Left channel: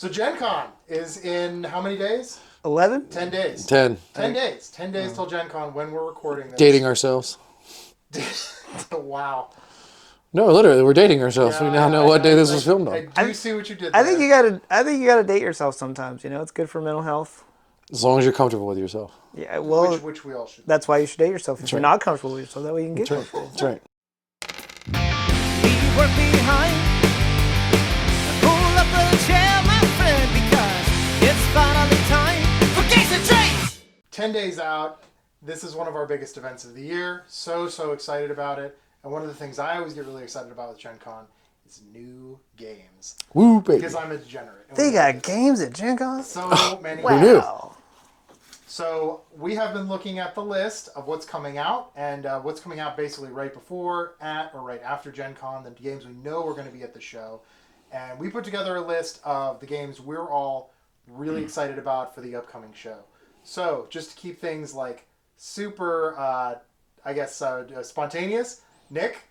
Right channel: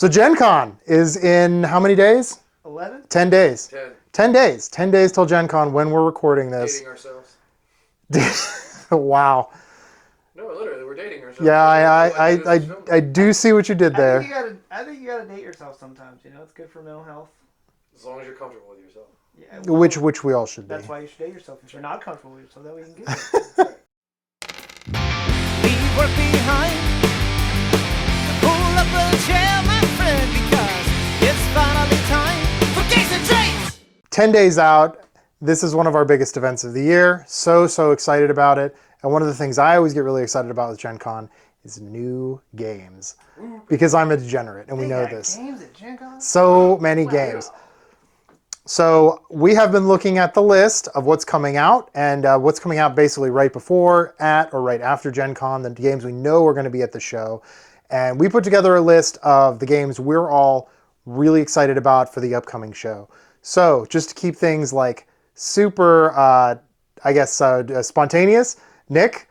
So Gencon is in how many days? 11? 10 days. 10. 10 days. 10 days till Gen Con when we're recording this. Dating ourselves. Wow. No, literally, we're dating ourselves. Yeah, We don't know what day this was filmed on. I do see what you did I there. think you gotta date yourself sometimes. You know, it's good for mental health. As long as you're comfortable with yourself. Yeah, well, which we all should. that's why you should date yourself. If you're not comfortable with yourself, that way you can get it. That's right. Leave work behind and pull up a chair, my friend, because it's finally time for Games and Trades. 10 days out. This is one of our biggest events of the year. So excited about it. And one of the things I always get really excited about with Gen Con is new games. Woo, baby. Because I'm a degenerate. And They we know got this. games at Gen Con? So many games. Wow. So we have been looking at the list of what's coming out and what's coming out basically right before, at, or right after Gen Con, the games we know are going to be at the show. And we put together a list of the games we're all really excited about for the upcoming show. So just to keep things like super, spontaneous, Nick,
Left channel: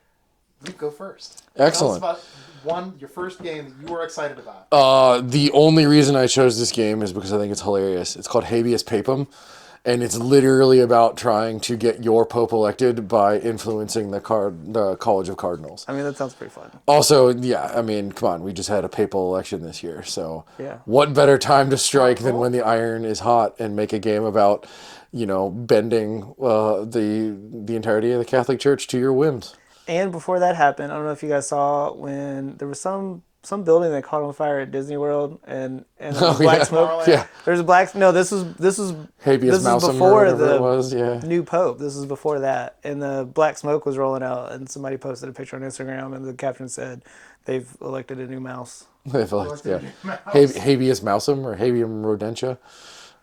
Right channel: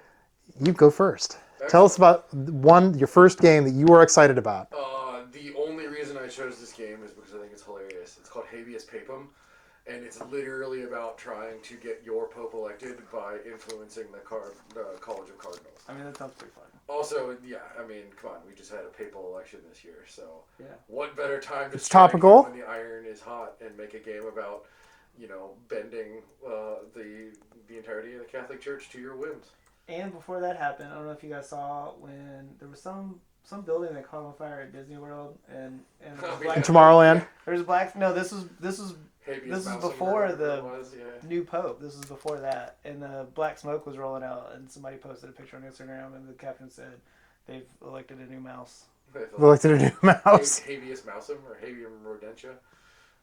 you go first. Excellent. Tell us about your first game that you were excited about. The only reason I chose this game is because I think it's hilarious. It's called Habeas Papam, and it's literally about trying to get your pope elected by influencing the College of Cardinals. I mean, that sounds pretty fun. Also, yeah, I mean, come on, we just had a papal election this year, so Yeah. what better time to strike Topical. than when the iron is hot and make a game about, bending the entirety of the Catholic Church to your whims. And before that happened, I don't know if you guys saw when there was some building that caught on fire at Disney World and Black Tomorrowland. Yeah. There's a black. No, this is Habeas this Mousum is or before whatever the it was, yeah. new pope. This is before that, and the black smoke was rolling out, and somebody posted a picture on Instagram, and the caption said, "They've elected a new mouse." They've Elected a new mouse. Habeas Mousum or Habeam Rodentia.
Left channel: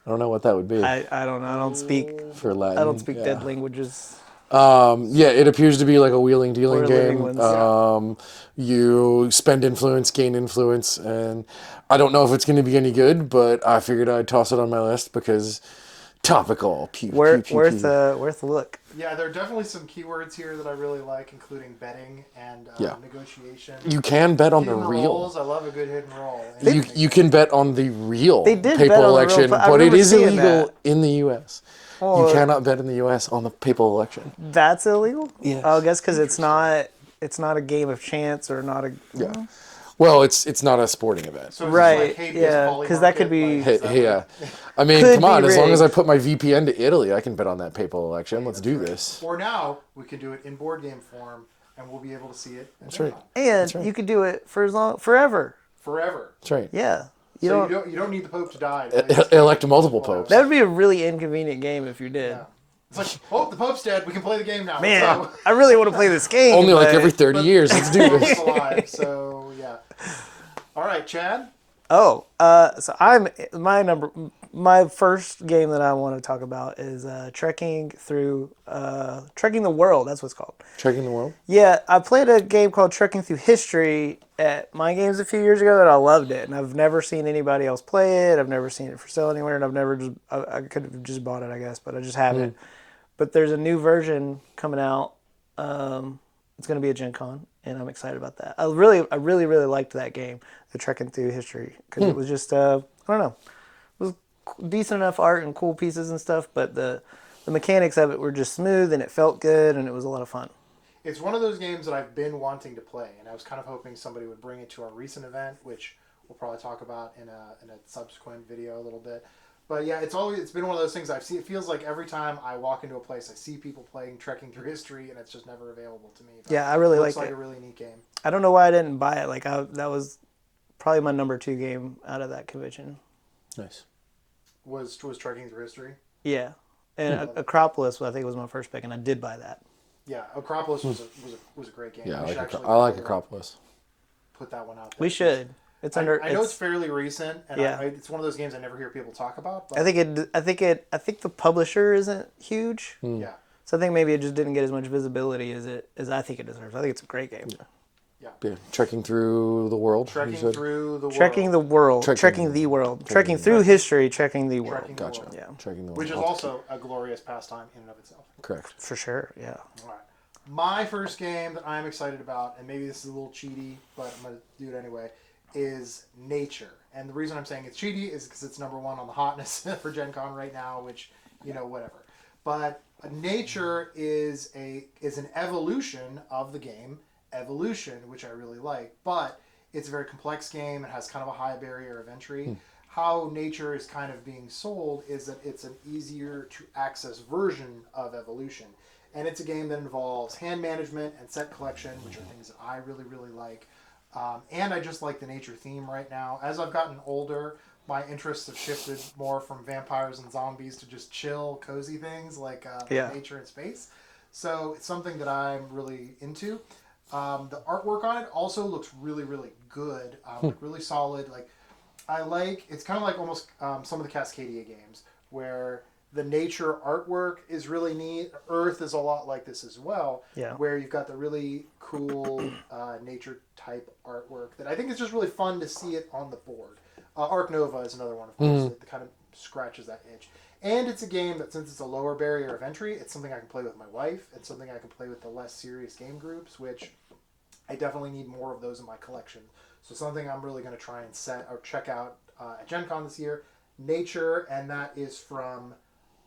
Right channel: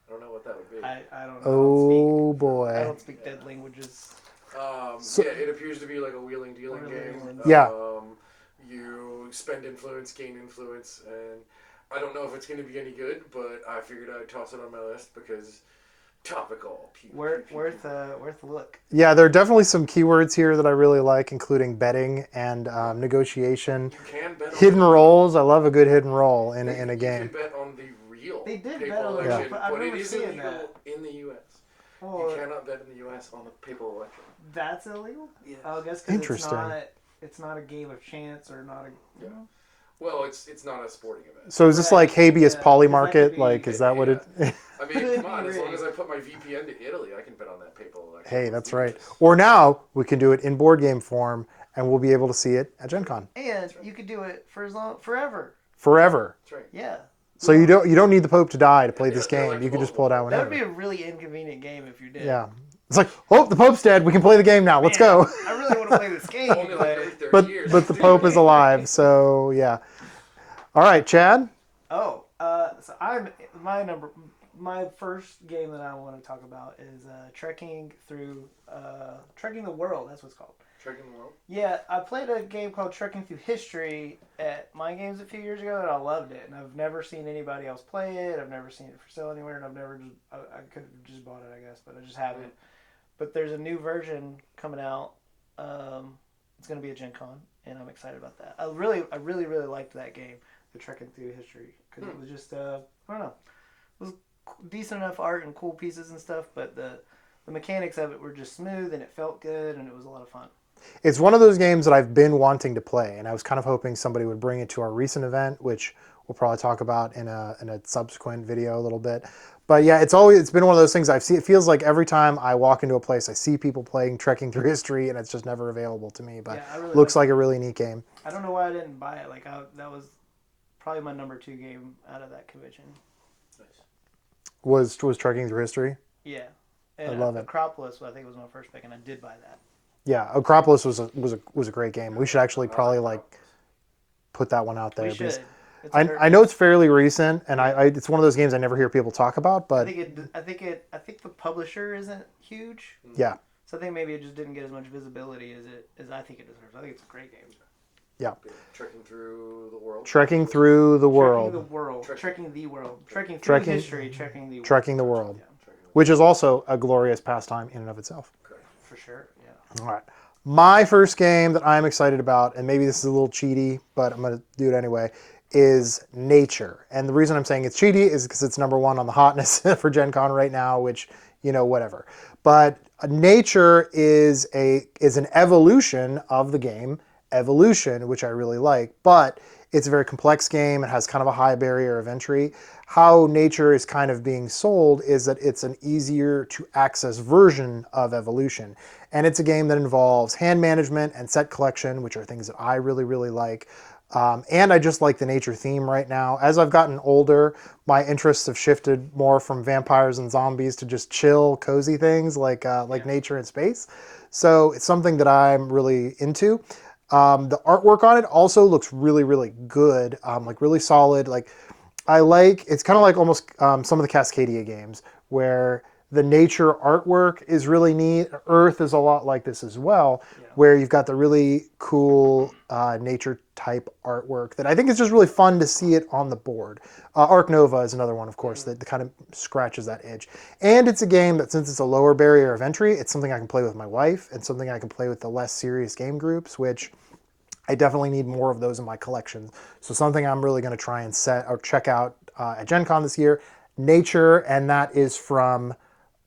I don't know what that would be. I don't know. I don't speak. for Latin. I don't speak Yeah. dead languages. Yeah, it appears to be like a wheeling dealing Or living game. ones. Yeah. You spend influence, gain influence, and I don't know if it's going to be any good, but I figured I'd toss it on my list because topical. Pew, Worth pew, pew, pew. a look. Yeah, there are definitely some keywords here that I really like, including betting and negotiation. You can bet on Hidden the real. rolls. I love a good hidden roll in a You game. can bet on the real They did papal bet on the real, election, but I but it remember is seeing illegal that. in the U.S. You Well, cannot bet in the U.S. on the papal election. That's illegal. Yes. I guess because it's Interesting. not a game of chance or not a. Yeah. Well, it's not a sporting event. So is this Right, like habeas yeah, poly 'cause that market? could be- Like, is that Yeah. what it, I mean, Could come on. be As long as I rigged. put my VPN to Italy, I can bet on that papal election. Hey, Let's that's do right. this. Or now we can do it in board game form, and we'll be able to see it at Gen right. Con And you could do it for forever. forever. That's right. Yeah. So you don't need the Pope to die to play this game. Elect You can just multiple pull that popes. one That'd be a really inconvenient game if you did. out. Yeah. It's like, oh, the Pope's dead. We can play the game now. Let's Man, go. I really want to play this game. Only like but- every 30 years. Let's The do Pope this. is alive. So yeah. All right, Chad. Oh, so my first game that I want to talk about is trekking the world. That's what it's called. Trekking the world. Yeah, I played a game called Trekking Through History at My Games a few years ago, and I loved it. And I've never seen anybody else play it. I've never seen it for sale anywhere, and I could have just bought it, I guess, but I just haven't. But there's a new version coming out. It's going to be a Gen Con, and I'm excited about that. I really liked that game, the Trekking Through History, because it was just I don't know, it was decent enough art and cool pieces and stuff, but the mechanics of it were just smooth, and it felt good, and it was a lot of fun. It's one of those games that I've been wanting to play, and I was kind of hoping somebody would bring it to our recent event, which we'll probably talk about in a subsequent video a little bit. But yeah, it's been one of those things I've seen. It feels like every time I walk into a place, I see people playing Trekking Through History, and it's just never available to me. But Yeah, I really looks like like a really neat game. I don't know why I didn't buy it. That was probably my number 2 game out of that convention. Nice. Was Trekking Through History? Yeah, and love it. Acropolis, I think, was my first pick, and I did buy that. Yeah, Acropolis was a great game. Yeah, we I should like actually I like probably Acropolis. put that one out there. We because should. It's I know it's fairly recent, and Yeah. it's one of those games I never hear people talk about. But I think the publisher isn't huge, yeah, so I think maybe it just didn't get as much visibility as I think it deserves. I think it's a great game. yeah. Yeah. Trekking through the world. Trekking You said? through the world. Trekking the world, trekking the world, trekking through history, trekking the world. Trekking the Gotcha. world. Yeah, Trekking the world. Which is also a glorious pastime in and of itself. Correct. for sure. Yeah. All right. My first game that I'm excited about, and maybe this is a little cheaty, but I'm going to do it anyway, is nature. And the reason I'm saying it's cheaty is because it's number one on the hotness for Gen Con right now, which, whatever. But nature is an evolution of the game, Evolution, which I really like, but it's a very complex game. It has kind of a high barrier of entry. How nature is kind of being sold is that it's an easier to access version of Evolution. And it's a game that involves hand management and set collection, which are things that I really, really like. And I just like the nature theme right now. As I've gotten older, my interests have shifted more from vampires and zombies to just chill, cozy things like nature and space. So it's something that I'm really into. The artwork on it also looks really, really good, like really solid. Like it's kind of like almost some of the Cascadia games where the nature artwork is really neat. Earth is a lot like this as well, where you've got the really cool nature type artwork that I think is just really fun to see it on the board. Arc Nova is another one, of course, that kind of scratches that itch. And it's a game that, since it's a lower barrier of entry, it's something I can play with my wife and something I can play with the less serious game groups, which I definitely need more of those in my collection. So something I'm really going to try and set or check out at Gen Con this year, Nature, and that is from...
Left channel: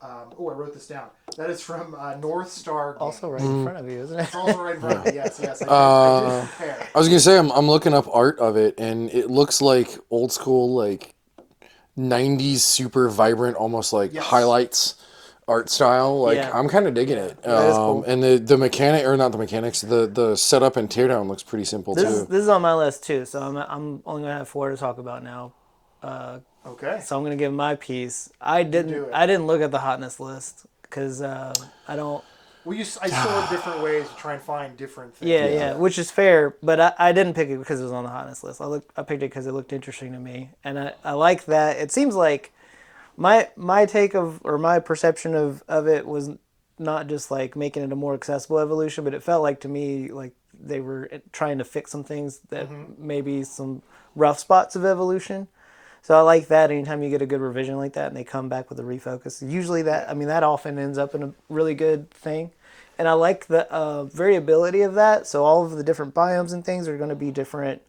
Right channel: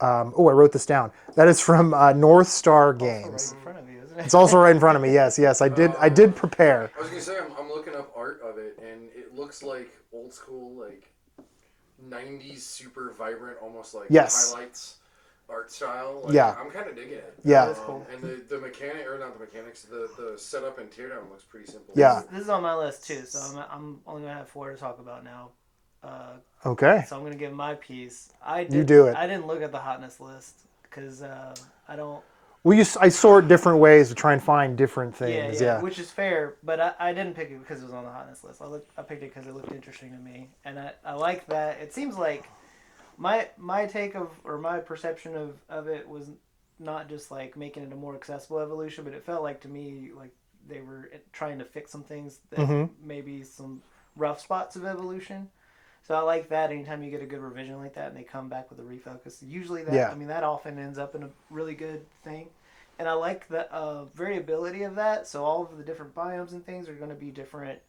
I wrote this down. That is from North Star Games. Also right in front of you, isn't it? It's also right in front of me. Yes, I did prepare. I was gonna say I'm looking up art of it, and it looks like old school, like 90s, super vibrant, almost like highlights art style. Like I'm kind of digging it. Yeah, it's cool. And the mechanic, or not the mechanics, the setup and teardown looks pretty simple too. This is on my list too, so I'm only gonna have 4 to talk about now. Okay. So I'm gonna give my piece. You do it. I didn't look at the hotness list because I don't. Well, I sort different ways to try and find different things. Yeah, which is fair, but I didn't pick it because it was on the hotness list. I picked it because it looked interesting to me, and I like that. It seems like my take of, or my perception of it was not just like making it a more accessible evolution, but it felt like to me like they were trying to fix some things that maybe some rough spots of evolution. So I like that anytime you get a good revision like that and they come back with a refocus. Usually that often ends up in a really good thing. And I like the variability of that. So all of the different biomes and things are going to be different,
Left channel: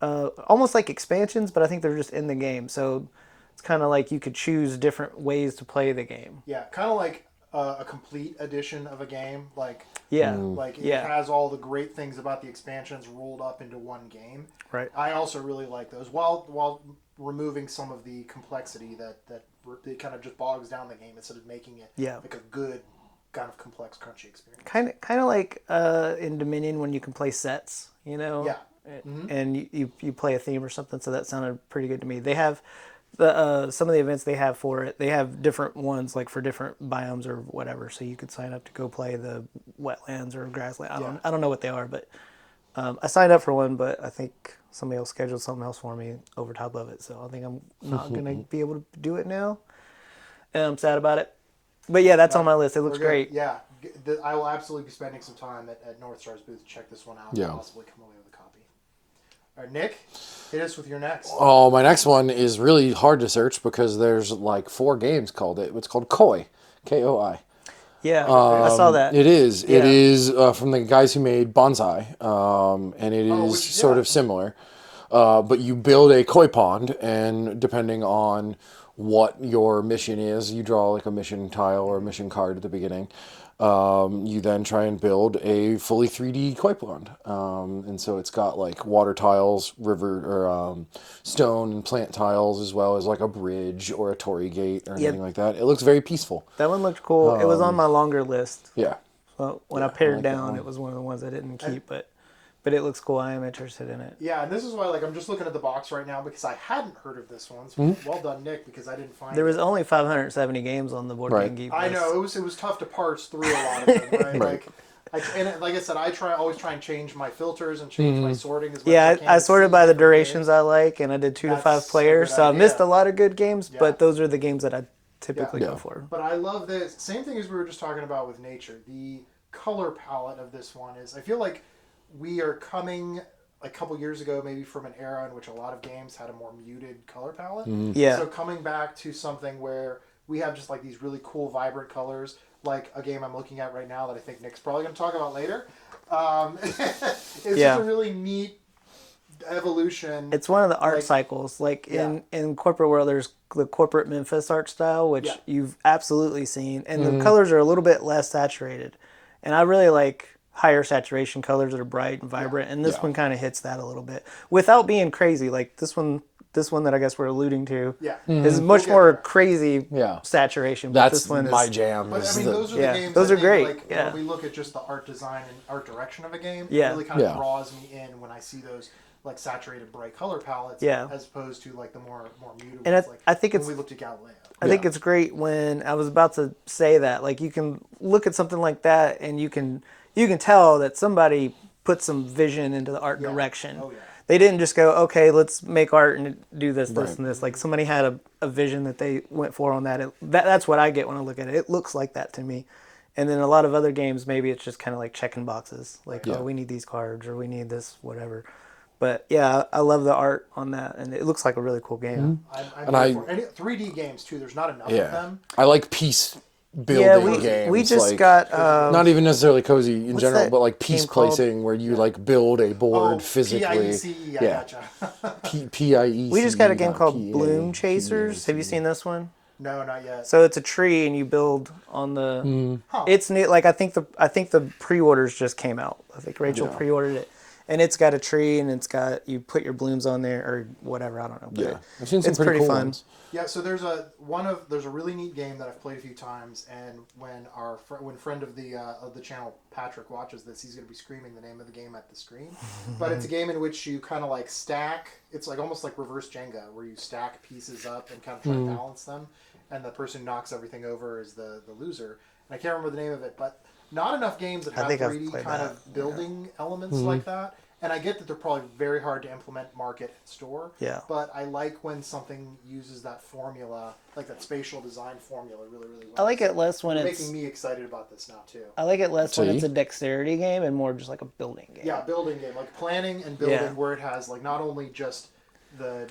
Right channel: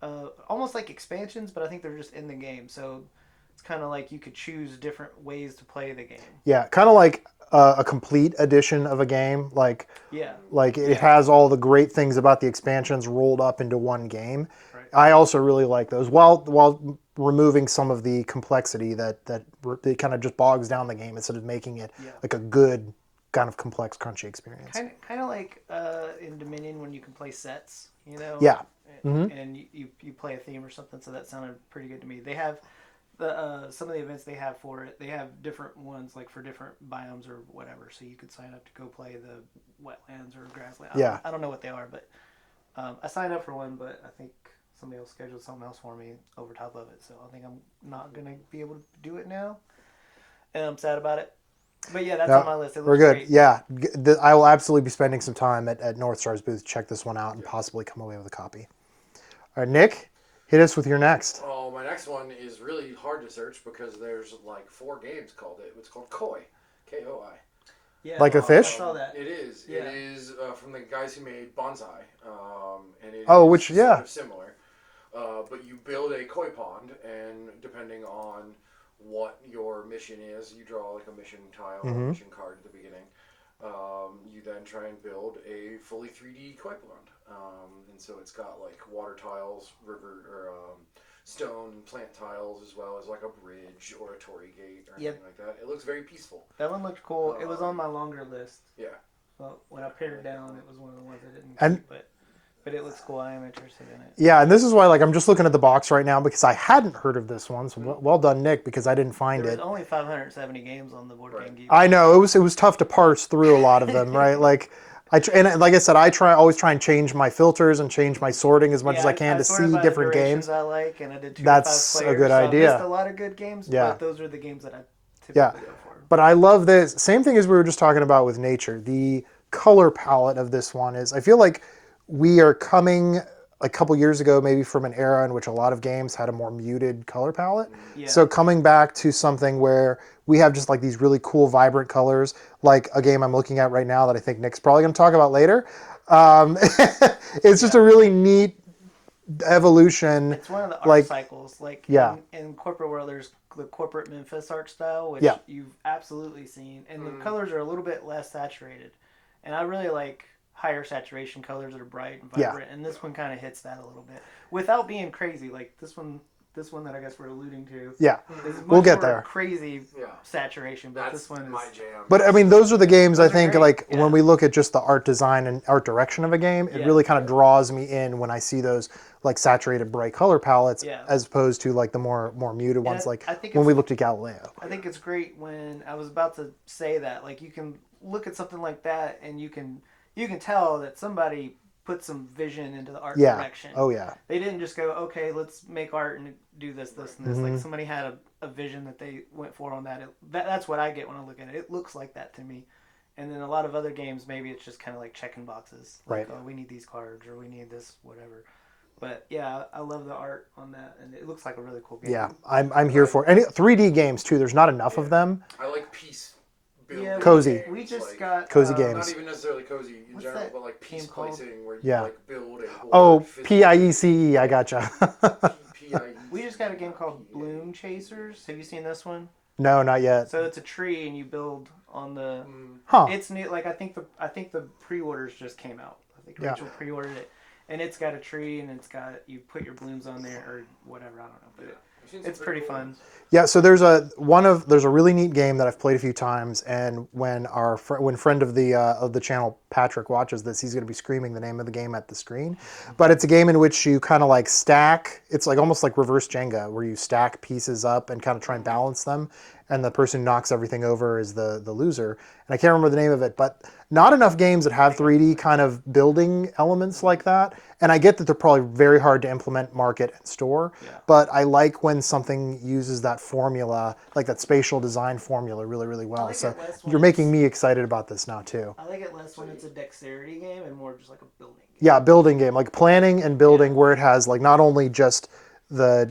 almost like expansions, but I think they're just in the game. So it's kind of like you could choose different ways to play the game. Yeah, kind of like a complete edition of a game. Like it has all the great things about the expansions rolled up into one game. Right. I also really like those while removing some of the complexity that it kind of just bogs down the game instead of making it like a good kind of complex crunchy experience. Kind of like in Dominion when you can play sets, Yeah. And you play a theme or something. So that sounded pretty good to me. They have some of the events they have for it. They have different ones like for different biomes or whatever. So you could sign up to go play the wetlands or grassland. I don't know what they are, but I signed up for one. But I think somebody else scheduled something else for me over top of it. So I think I'm not gonna be able to do it now, and I'm sad about it. But yeah, that's on my list. It looks great. Yeah, I will absolutely be spending some time at North Star's booth to check this one out and possibly come away with a copy. All right, Nick, hit us with your next. Oh, my next one is really hard to search because there's like 4 games called it. It's called Koi, Koi. Yeah, like a fish. I saw that. It is. Yeah. It is from the guys who made Bonsai, and it is sort of similar. But you build a koi pond, and depending on what your mission is, you draw like a mission tile or a mission card at the beginning. You then try and build a fully 3D koi pond. And so it's got like water tiles, river or stone and plant tiles, as well as like a bridge or a torii gate or anything like that. It looks very peaceful. That one looked cool. It was on my longer list. Yeah. Well, when I pared down, it was one of the ones I didn't keep, but it looks cool. I am interested in it. Yeah, and this is why I'm just looking at the box right now because I hadn't heard of this one. So well done, Nick, because I didn't find it. There was only 570 games on the Board Game Geek. I know it was tough to parse through a lot of them, right? Like I said, I always try and change my filters and change my sorting as much as I can. I to sorted see by the different durations games. I like, and I did 2 to 5 That's a players. good So I idea. missed a lot of good games, but those are the games that I typically go for. But I love this. Same thing as we were just talking about with nature. The color palette of this one is, I feel like we are coming a couple years ago maybe from an era in which a lot of games had a more muted color palette. Yeah. So coming back to something where we have just like these really cool vibrant colors, like a game I'm looking at right now that I think Nick's probably going to talk about later. It's just a really neat evolution. It's one of the art like, cycles. Like Yeah. in corporate world, there's the corporate Memphis art style, which Yeah. you've absolutely seen, and the colors are a little bit less saturated. And I really like higher saturation colors that are bright and vibrant, and this one kind of hits that a little bit without being crazy. Like this one that I guess we're alluding to, Yeah. is We'll much get more there. crazy saturation. But That's this one my is, jam. But I is mean, the- those are the yeah, games I those are think great, like yeah. when we look at just the art design and art direction of a game, it Yeah. really kind of Yeah. draws me in when I see those like saturated bright color palettes Yeah. as opposed to like the more muted ones like I think when it's- we looked at Galileo. I think it's great when I was about to say that, like you can look at something like that and you can tell that somebody put some vision into the art Yeah. direction. Oh, yeah. They didn't just go, okay, let's make art and do this, this, and this. Mm-hmm. Like somebody had a vision that they went for on that. That's what I get when I look at it. It looks like that to me. And then a lot of other games, maybe it's just kind of like checking boxes. Like, Right. oh, we need these cards or we need this, whatever. But yeah, I love the art on that, and it looks like a really cool game. Yeah, I'm here for any 3D games too. There's not enough Yeah. of them. I like piece building Yeah, games. we just like, got Cozy games. not even necessarily cozy in general, that but like piece game called? placing where you Yeah. like build a board Oh, physically. PIECE, I Yeah. gotcha. PIECE. We just got a game not called PA, Bloom Chasers. Have you PAC. seen this one? No, not yet. So it's a tree, and you build on the. Huh. It's neat. Like I think the pre-orders just came out. I think Rachel Yeah. pre-ordered it, and it's got a tree, and it's got you put your blooms on there or whatever. I don't know. But Yeah, I've seen some it's pretty pretty cool fun. ones. Yeah, so there's a really neat game that I've played a few times, and when when friend of the channel Patrick watches this, he's going to be screaming the name of the game at the screen. But it's a game in which you kind of like stack. It's like almost like reverse Jenga, where you stack pieces up and kind of try and balance them, and the person who knocks everything over is the loser. And I can't remember the name of it, but not enough games that have think I've 3D played kind of building elements like that. And I get that they're probably very hard to implement, market, and store. Yeah. But I like when something uses that formula, like that spatial design formula, really, really well. I like it less when you're making it's- me excited about this now too. I like it less when See? it's a dexterity game and more just like a building game. Yeah, building game, like planning and building, Yeah. where it has like not only just the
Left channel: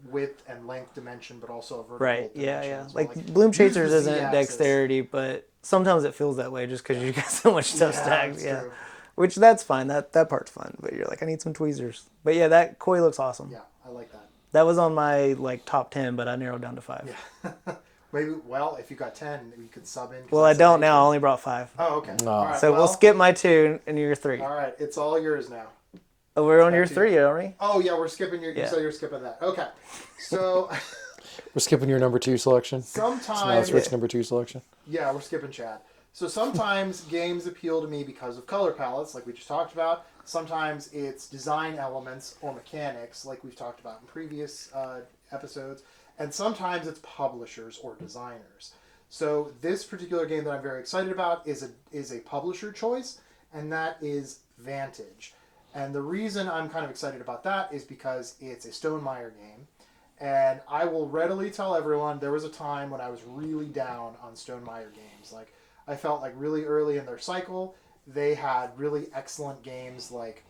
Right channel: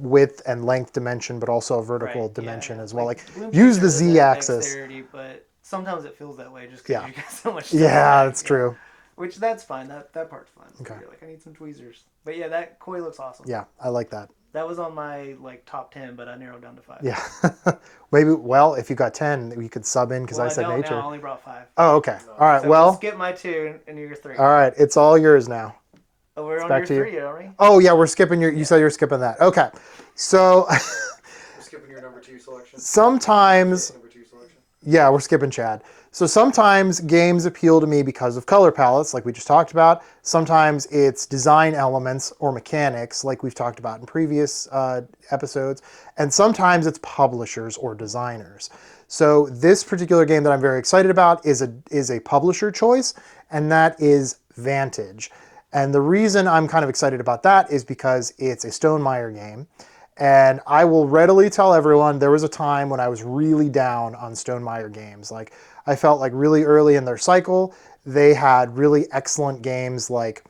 width and length dimension, but also a vertical dimension as well. Like Bloom use the Chasers isn't z-axis. dexterity, but sometimes it feels that way just because you got so much stuff. Yeah, stacked, it's true. Which that's fine. That part's fun. But you're like, I need some tweezers. But yeah, that koi looks awesome. Yeah, I like that. That was on my like top 10, but I narrowed down to 5. Yeah. Maybe, well, if you got 10, we could sub in. Well, I said don't nature. now. I only brought 5. Oh, okay. All right. So well, we'll skip my 2 and your 3. all right. It's all yours now. Oh, we're on back your to you. 3, aren't we? Oh, yeah, we're skipping you said you're skipping that. Okay. So We're skipping your number 2 selection. sometimes, That's number 2 selection. yeah, we're skipping Chad. So sometimes games appeal to me because of color palettes, like we just talked about. Sometimes it's design elements or mechanics, like we've talked about in previous episodes. And sometimes it's publishers or designers. So this particular game that I'm very excited about is a publisher choice, and that is Vantage. And the reason I'm kind of excited about that is because it's a Stonemaier game. And I will readily tell everyone there was a time when I was really down on Stonemaier games. Like I felt like really early in their cycle, they had really excellent games like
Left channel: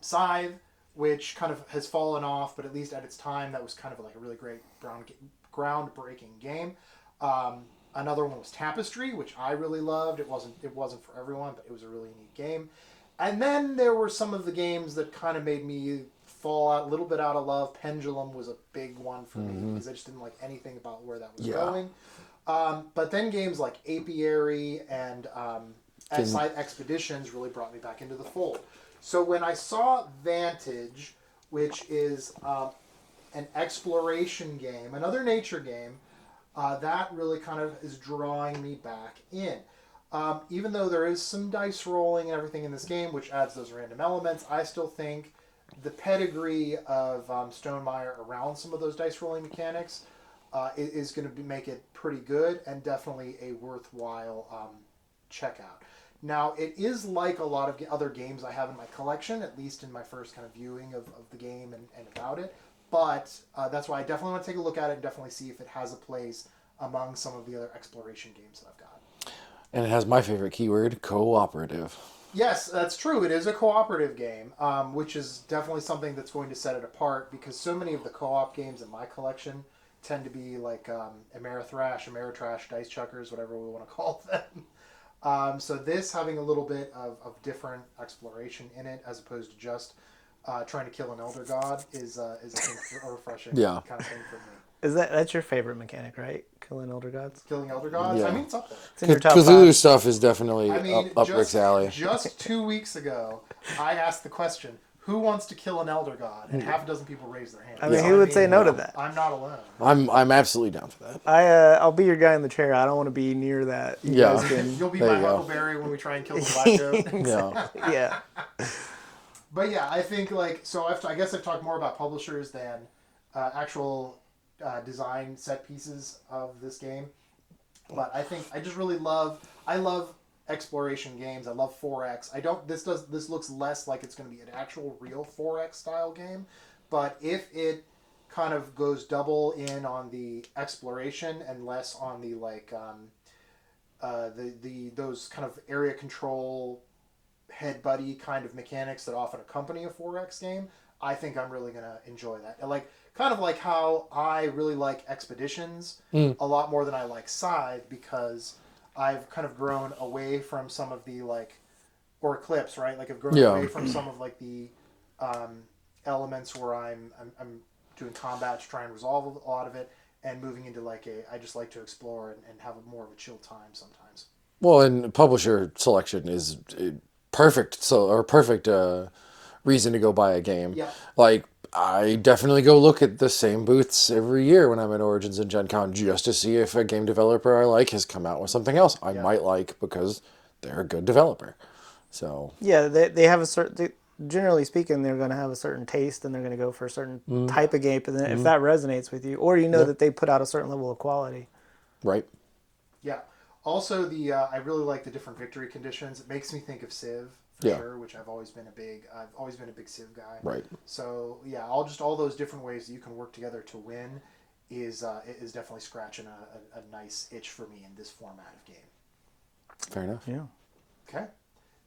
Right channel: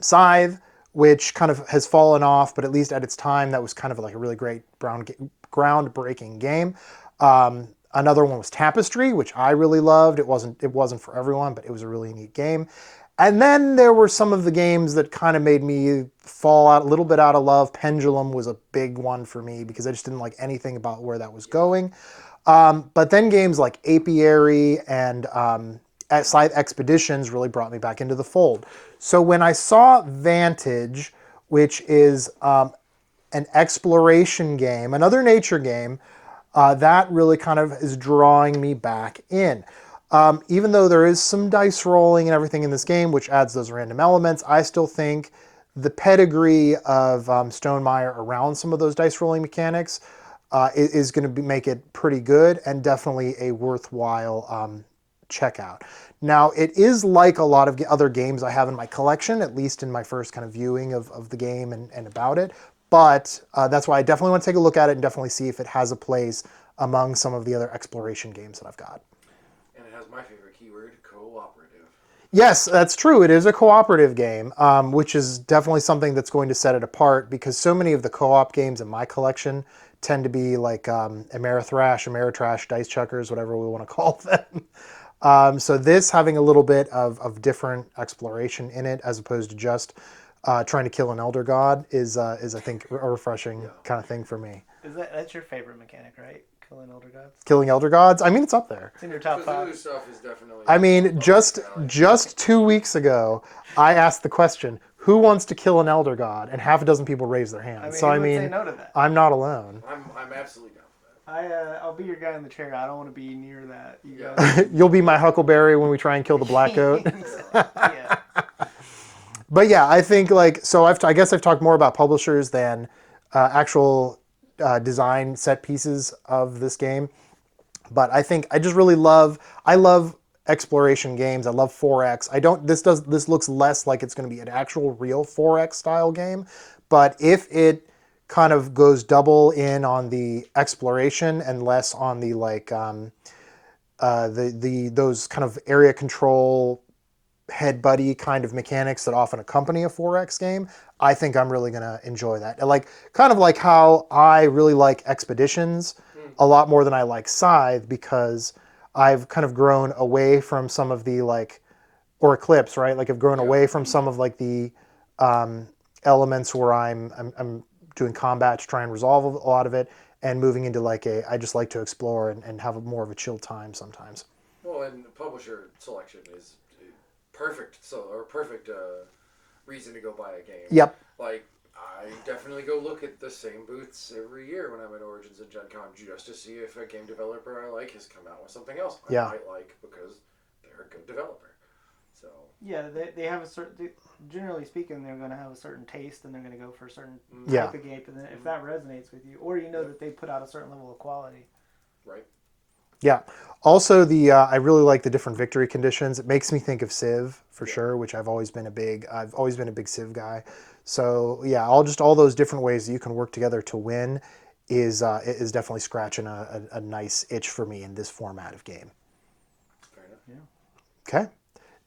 Scythe, which kind of has fallen off, but at least at its time, that was kind of like a really great groundbreaking game. Another one was Tapestry, which I really loved. It wasn't for everyone, but it was a really neat game. And then there were some of the games that kind of made me fall out a little bit out of love. Pendulum was a big one for me because I just didn't like anything about where that was going. But then games like Apiary and Scythe Expeditions really brought me back into the fold. So when I saw Vantage, which is an exploration game, another nature game, that really kind of is drawing me back in. Even though there is some dice rolling and everything in this game, which adds those random elements, I still think the pedigree of Stonemaier around some of those dice rolling mechanics is going to make it pretty good and definitely a worthwhile checkout. Now, it is like a lot of other games I have in my collection, at least in my first kind of viewing of the game and about it. But that's why I definitely want to take a look at it and definitely see if it has a place among some of the other exploration games that I've got. And it has my favorite keyword, cooperative. Yes, that's true. It is a cooperative game, which is definitely something that's going to set it apart because so many of the co-op games in my collection tend to be like Amerithrash, Ameritrash, Dice Chuckers, whatever we want to call them. So this having a little bit of different exploration in it as opposed to just trying to kill an elder god is I think a refreshing Yeah. kind of thing for me. That's your favorite mechanic, right? Killing elder gods. Killing elder gods, I Yeah. mean, it's up there. It's in your top Cthulhu 5. stuff is definitely. I mean, up just Rick's alley. 2 weeks ago, I asked the question, "Who wants to kill an elder god?" And half a dozen people raised their hands. I mean, So, who would say no to that? I'm not alone. I'm absolutely down for that. I'll be your guy in the chair. I don't want to be near that. You Yeah. guys can- You'll be my you go. Huckleberry when we try and kill the black goat. Yeah. yeah. But yeah, I think I guess I've talked more about publishers than actual design set pieces of this game. But I think I just really love exploration games. I love 4X. This looks less like it's going to be an actual real 4X style game, but if it kind of goes double in on the exploration and less on the those kind of area control head buddy kind of mechanics that often accompany a 4X game, I think I'm really going to enjoy that. Kind of like how I really like Expeditions a lot more than I like Scythe, because I've kind of grown away from some of the or Eclipse, right? Like I've grown Yeah. away from some of the elements where I'm doing combat to try and resolve a lot of it, and moving into I just like to explore and have more of a chill time sometimes. Well, and publisher selection is perfect. Perfect reason to go buy a game. Yep. Like I definitely go look at the same booths every year when I'm at Origins and Gen Con just to see if a game developer I like has come out with something else I Yeah. might like because they're a good developer. So Yeah, they have a certain. Generally speaking, they're going to have a certain taste, and they're going to go for a certain type of game. And then if that resonates with you, or that they put out a certain level of quality. right. Yeah. Also, I really like the different victory conditions. It makes me think of Civ for Yeah. sure, which I've always been a big Civ guy. Right. So yeah, all those different ways that you can work together to win is definitely scratching a nice itch for me in this format of game. Fair enough. Yeah. Okay.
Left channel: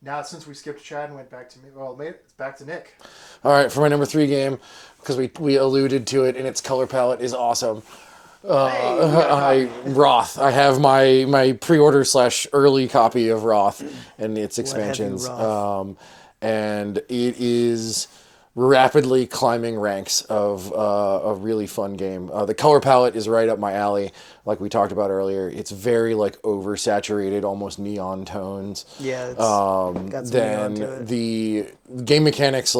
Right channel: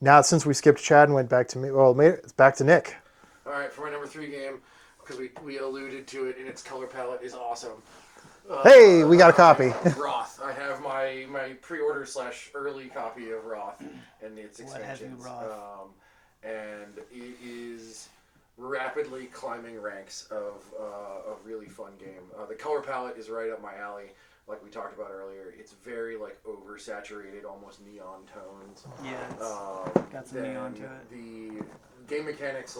Now, since we skipped Chad and went back to me, it's back to Nick. All right, for my number 3 game, because we alluded to it, and its color palette is awesome. Hey, we got a copy. Wrath. I have my pre-order / early copy of Wrath and its expansions, Wrath? and it is rapidly climbing ranks of a really fun game. The color palette is right up my alley, like we talked about earlier. It's very oversaturated, almost neon tones. Yeah. It's got some neon Then to it. the game mechanics,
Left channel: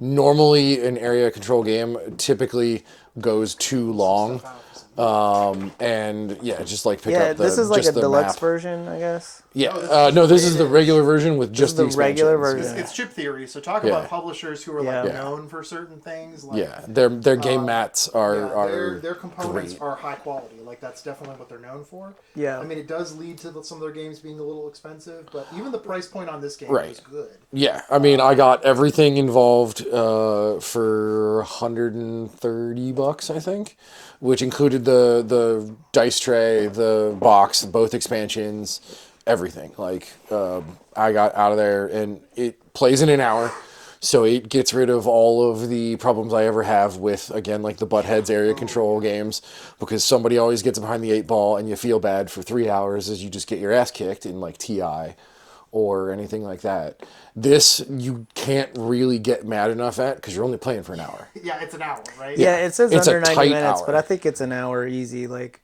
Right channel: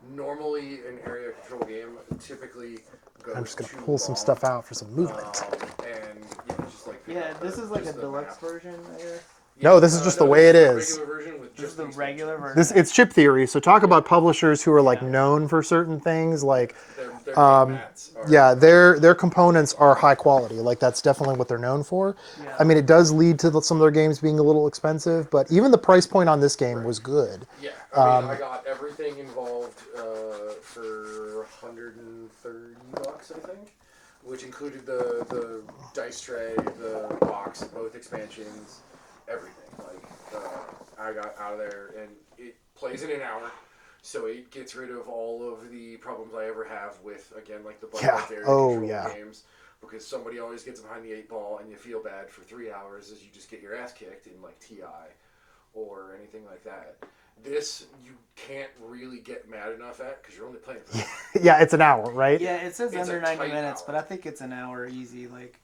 normally an area control game typically goes too Pull long. some stuff out for some movement. And yeah, just pick Yeah, up the this is like just a the deluxe map. version, I guess. Yeah. No, this is just the this way is it the is. regular version with just the the regular expansions. version. It's chip theory. So talk about Yeah. publishers who are Yeah. known for certain things. Yeah, their game mats are their components are high quality. That's definitely what they're known for. Yeah. I mean, it does lead to some of their games being a little expensive, but even the price point on this game Right. was good. Yeah, I mean, I got everything involved for $130, I think, which included the dice tray, the box, both expansions, everything. I got out of there, and it plays in an hour, so it gets rid of all of the problems I ever have with, again, the Buttheads area control yeah. games, because somebody always gets behind the 8 ball, and you feel bad for 3 hours as you just get your ass kicked in TI or anything like that. This you can't really get mad enough at because you're only playing for an hour. Yeah, it's an hour, right? Yeah, it says It's a under 90 tight minutes, hour. but I think it's an hour easy. It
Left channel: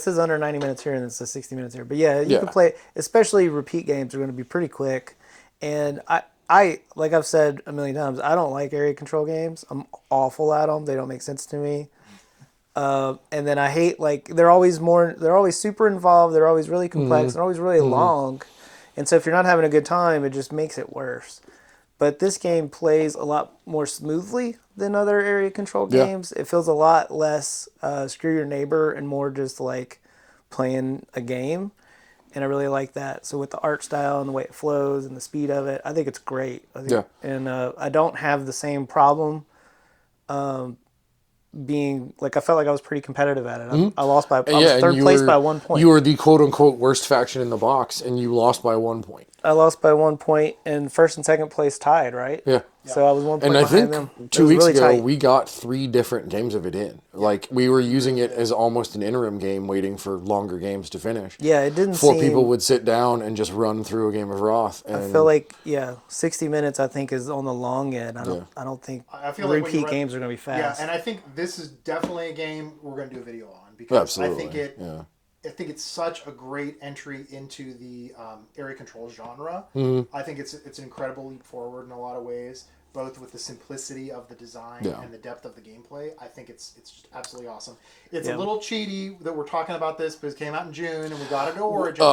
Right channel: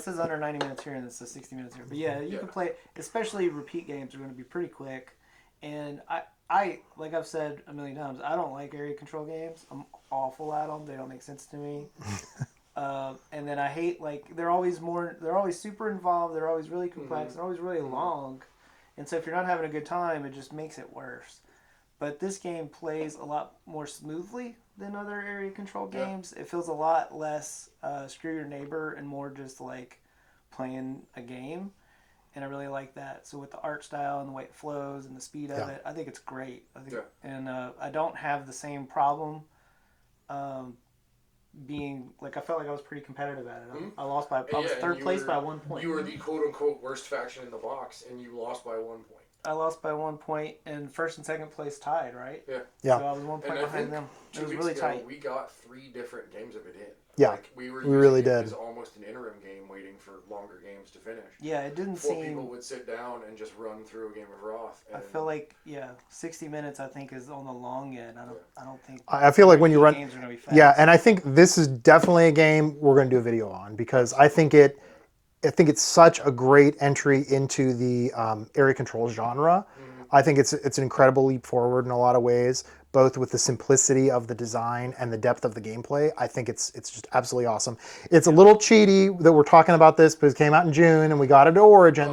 says under 90 minutes here, and it says 60 minutes here. But yeah, you Yeah. can play. Especially repeat games are going to be pretty quick. And I like I've said a million times, I don't like area control games. I'm awful at them. They don't make sense to me. And then I hate they're always super involved. They're always really complex. They're always really long. And so if you're not having a good time, it just makes it worse. But this game plays a lot more smoothly than other area control Yeah. games. It feels a lot less screw your neighbor and more just playing a game. And I really like that. So with the art style and the way it flows and the speed of it, I think it's great. Yeah. And I don't have the same problem being I felt like I was pretty competitive at it. I lost by I was and third you place were- by 1 point. You were the quote unquote worst faction in the box, and you lost by 1 point. I lost by 1 point, and first and second place tied, right? Yeah. Yeah. So I was 1 point And I behind think them. It 2 was weeks really ago tight. we got 3 different games of it in. Yeah, Like we were we using really it did. as almost an interim game, waiting for longer games to finish. Yeah, it didn't 4 seem. people would sit down and just run through a game of Wrath. And I feel like 60 minutes. I think is on the long end. I don't think. I feel like when you repeat run games are gonna be fast. Yeah, and I think this is definitely a game we're going to do a video on because I think Absolutely, I think it's such a great entry into the area control genre. I think it's an incredible leap forward in a lot of ways, both with the simplicity of the design and the depth of the gameplay. I think it's just absolutely awesome. It's a little cheaty that we're talking about this because it came out in June and we got it to Origins,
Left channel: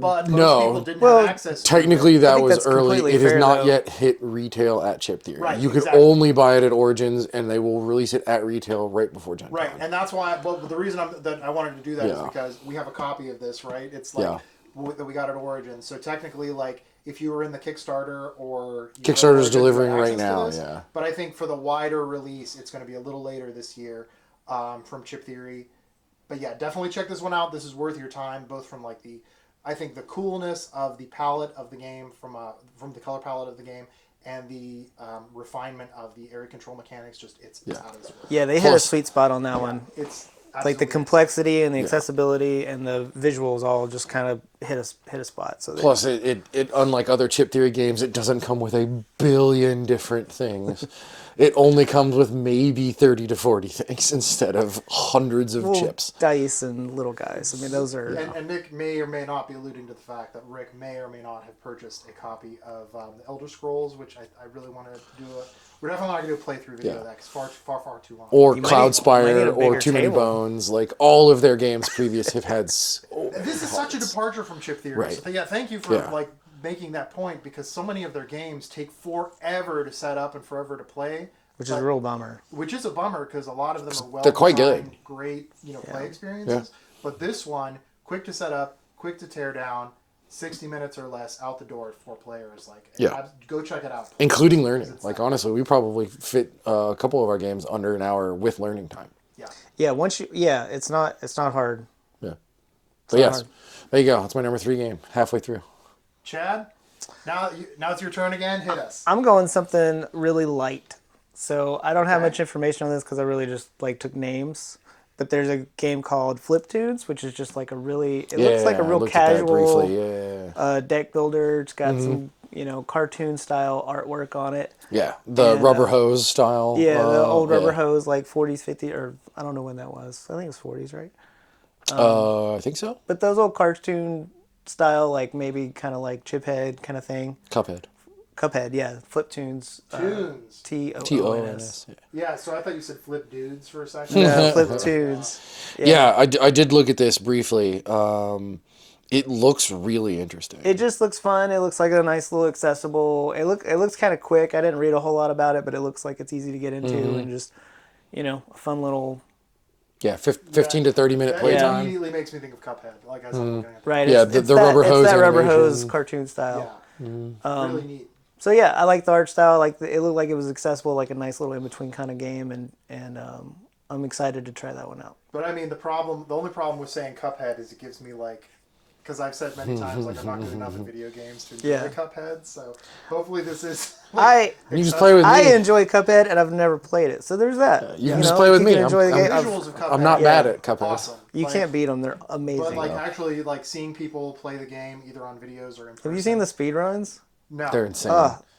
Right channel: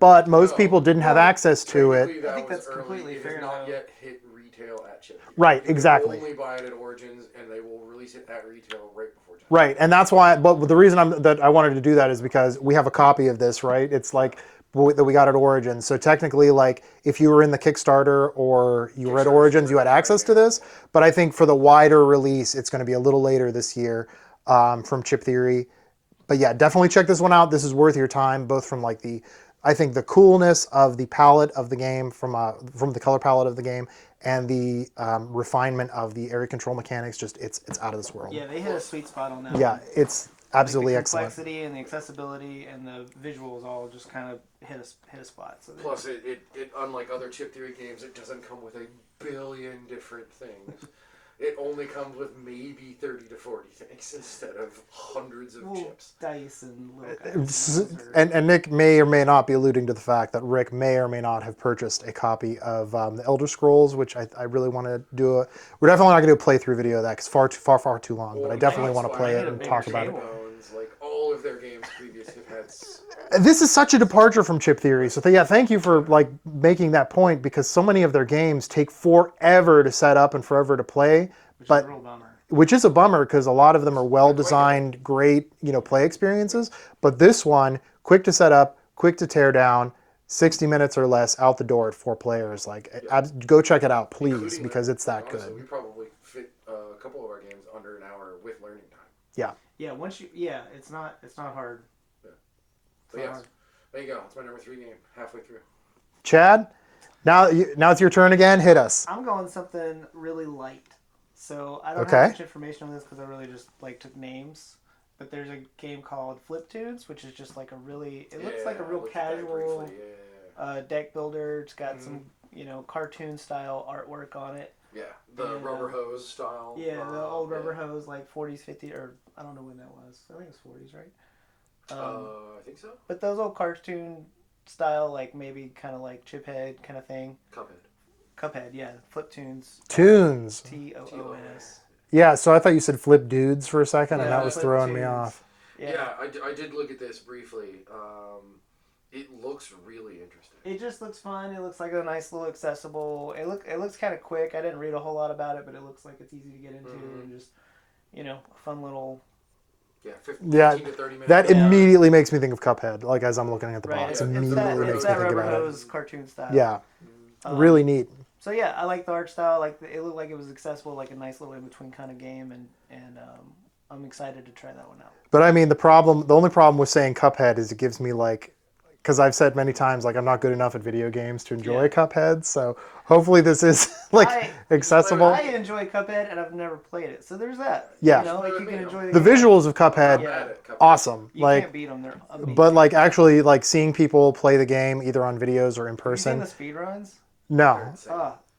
but most no. people didn't have access to Technically, it. that think was that's early. completely It has fair, not though. yet hit retail at Chip Theory. Right, You exactly. can only buy it at Origins, and they will release it at retail right before Gen. Right, and that's why. But the reason that I wanted to do that is Yeah. because we have a copy of this. Right, it's like Yeah. that we got at Origin. So technically, like if you were in the Kickstarter or you were at Kickstarter's Origins, you delivering had right access to now, this. yeah. But I think for the wider release, it's going to be a little later this year from Chip Theory. But yeah, definitely check this one out. This is worth your time, both from like I think the coolness of the palette of the game, from the color palette of the game, and the refinement of the area control mechanics. Just it's out of this world. Yeah, they hit a Plus- sweet spot on that Yeah, one. it's Like absolutely the excellent. complexity and the accessibility and the visuals all just kind of hit a spot. So Plus, it unlike other Chip Theory games, it doesn't come with a billion different things. It only comes with maybe 30 to 40 things instead of hundreds of chips. dice and little guys. I mean, those are. And Nick may or may not be alluding to the fact that Rick may or may not have purchased a copy of the Elder Scrolls, which I really want to do. We're definitely not going to do a playthrough video of that because far too long. Or We definitely Cloud wanna play Spire, it. or Too Many Bones. Like, all of their games previous have had... This is such a departure from Chip Theory. So yeah, thank you for Yeah. like making that point because so many of their games take forever to set up and forever to play. Which is a real bummer. Which is a bummer because a lot of them are well quite good. designed, great, play experiences. But this one, quick to set up, quick to tear down, 60 minutes or less out the door at 4 players. Like, go check it out, please, Including because learning. it's Like, that honestly, we probably fit a couple of our games under an hour with learning time. good. Yeah, it's not hard. Yeah. But yes, hard. there you go. That's my number 3 game. Halfway through. Chad, now it's your turn again. Hit us. I'm going something really light. So I don't have Okay. much information on this because I really just took names. But there's a game called Flip Tunes, which is just like it looks like a I real looked at that casual briefly. deck builder. It's got some cartoon style artwork on it. Yeah, the And, rubber hose style. Yeah, the old rubber yeah. hose, like 40s, 50s, or I don't know when that was. I think it was 40s, right? I think so. But those old cartoon style, like maybe kind of like Chiphead kind of thing. Cuphead. Cuphead, yeah. Flip Tunes. Tunes. T-O-O-N-S. T-O-N-S. Yeah, so I thought you said flip dudes for a second. That was Flip throwing me Tunes. off. Yeah, I did look at this briefly. It looks really interesting. It just looks fun. It looks like a nice little accessible. It looks kind of quick. I didn't read a whole lot about it, but it looks like it's easy to get into and just a fun little. Yeah, 15 to 30 minute. That playtime. immediately makes me think of Cuphead, like as I'm looking at the Right. box. Yeah, it's the that, rubber it's hose that rubber animation. hose cartoon style. Yeah, really neat. So yeah, I like the art style. It looked like it was accessible, like a nice little in between kind of game, and I'm excited to try that one out. But I mean, the only problem with saying Cuphead is it gives me like, because I've said many times like I'm not good enough at video games to enjoy Yeah. Cuphead. So hopefully this is like You just play accessible. with I me. enjoy Cuphead, and I've never played it. So there's that. Yeah. Just play with you me. can enjoy The the game. visuals of Cuphead, I'm not mad at Cuphead. awesome. You Like, can't beat them. They're amazing. but like actually like seeing people play the game either on videos or in person. have you seen the speedruns? No. They're insane.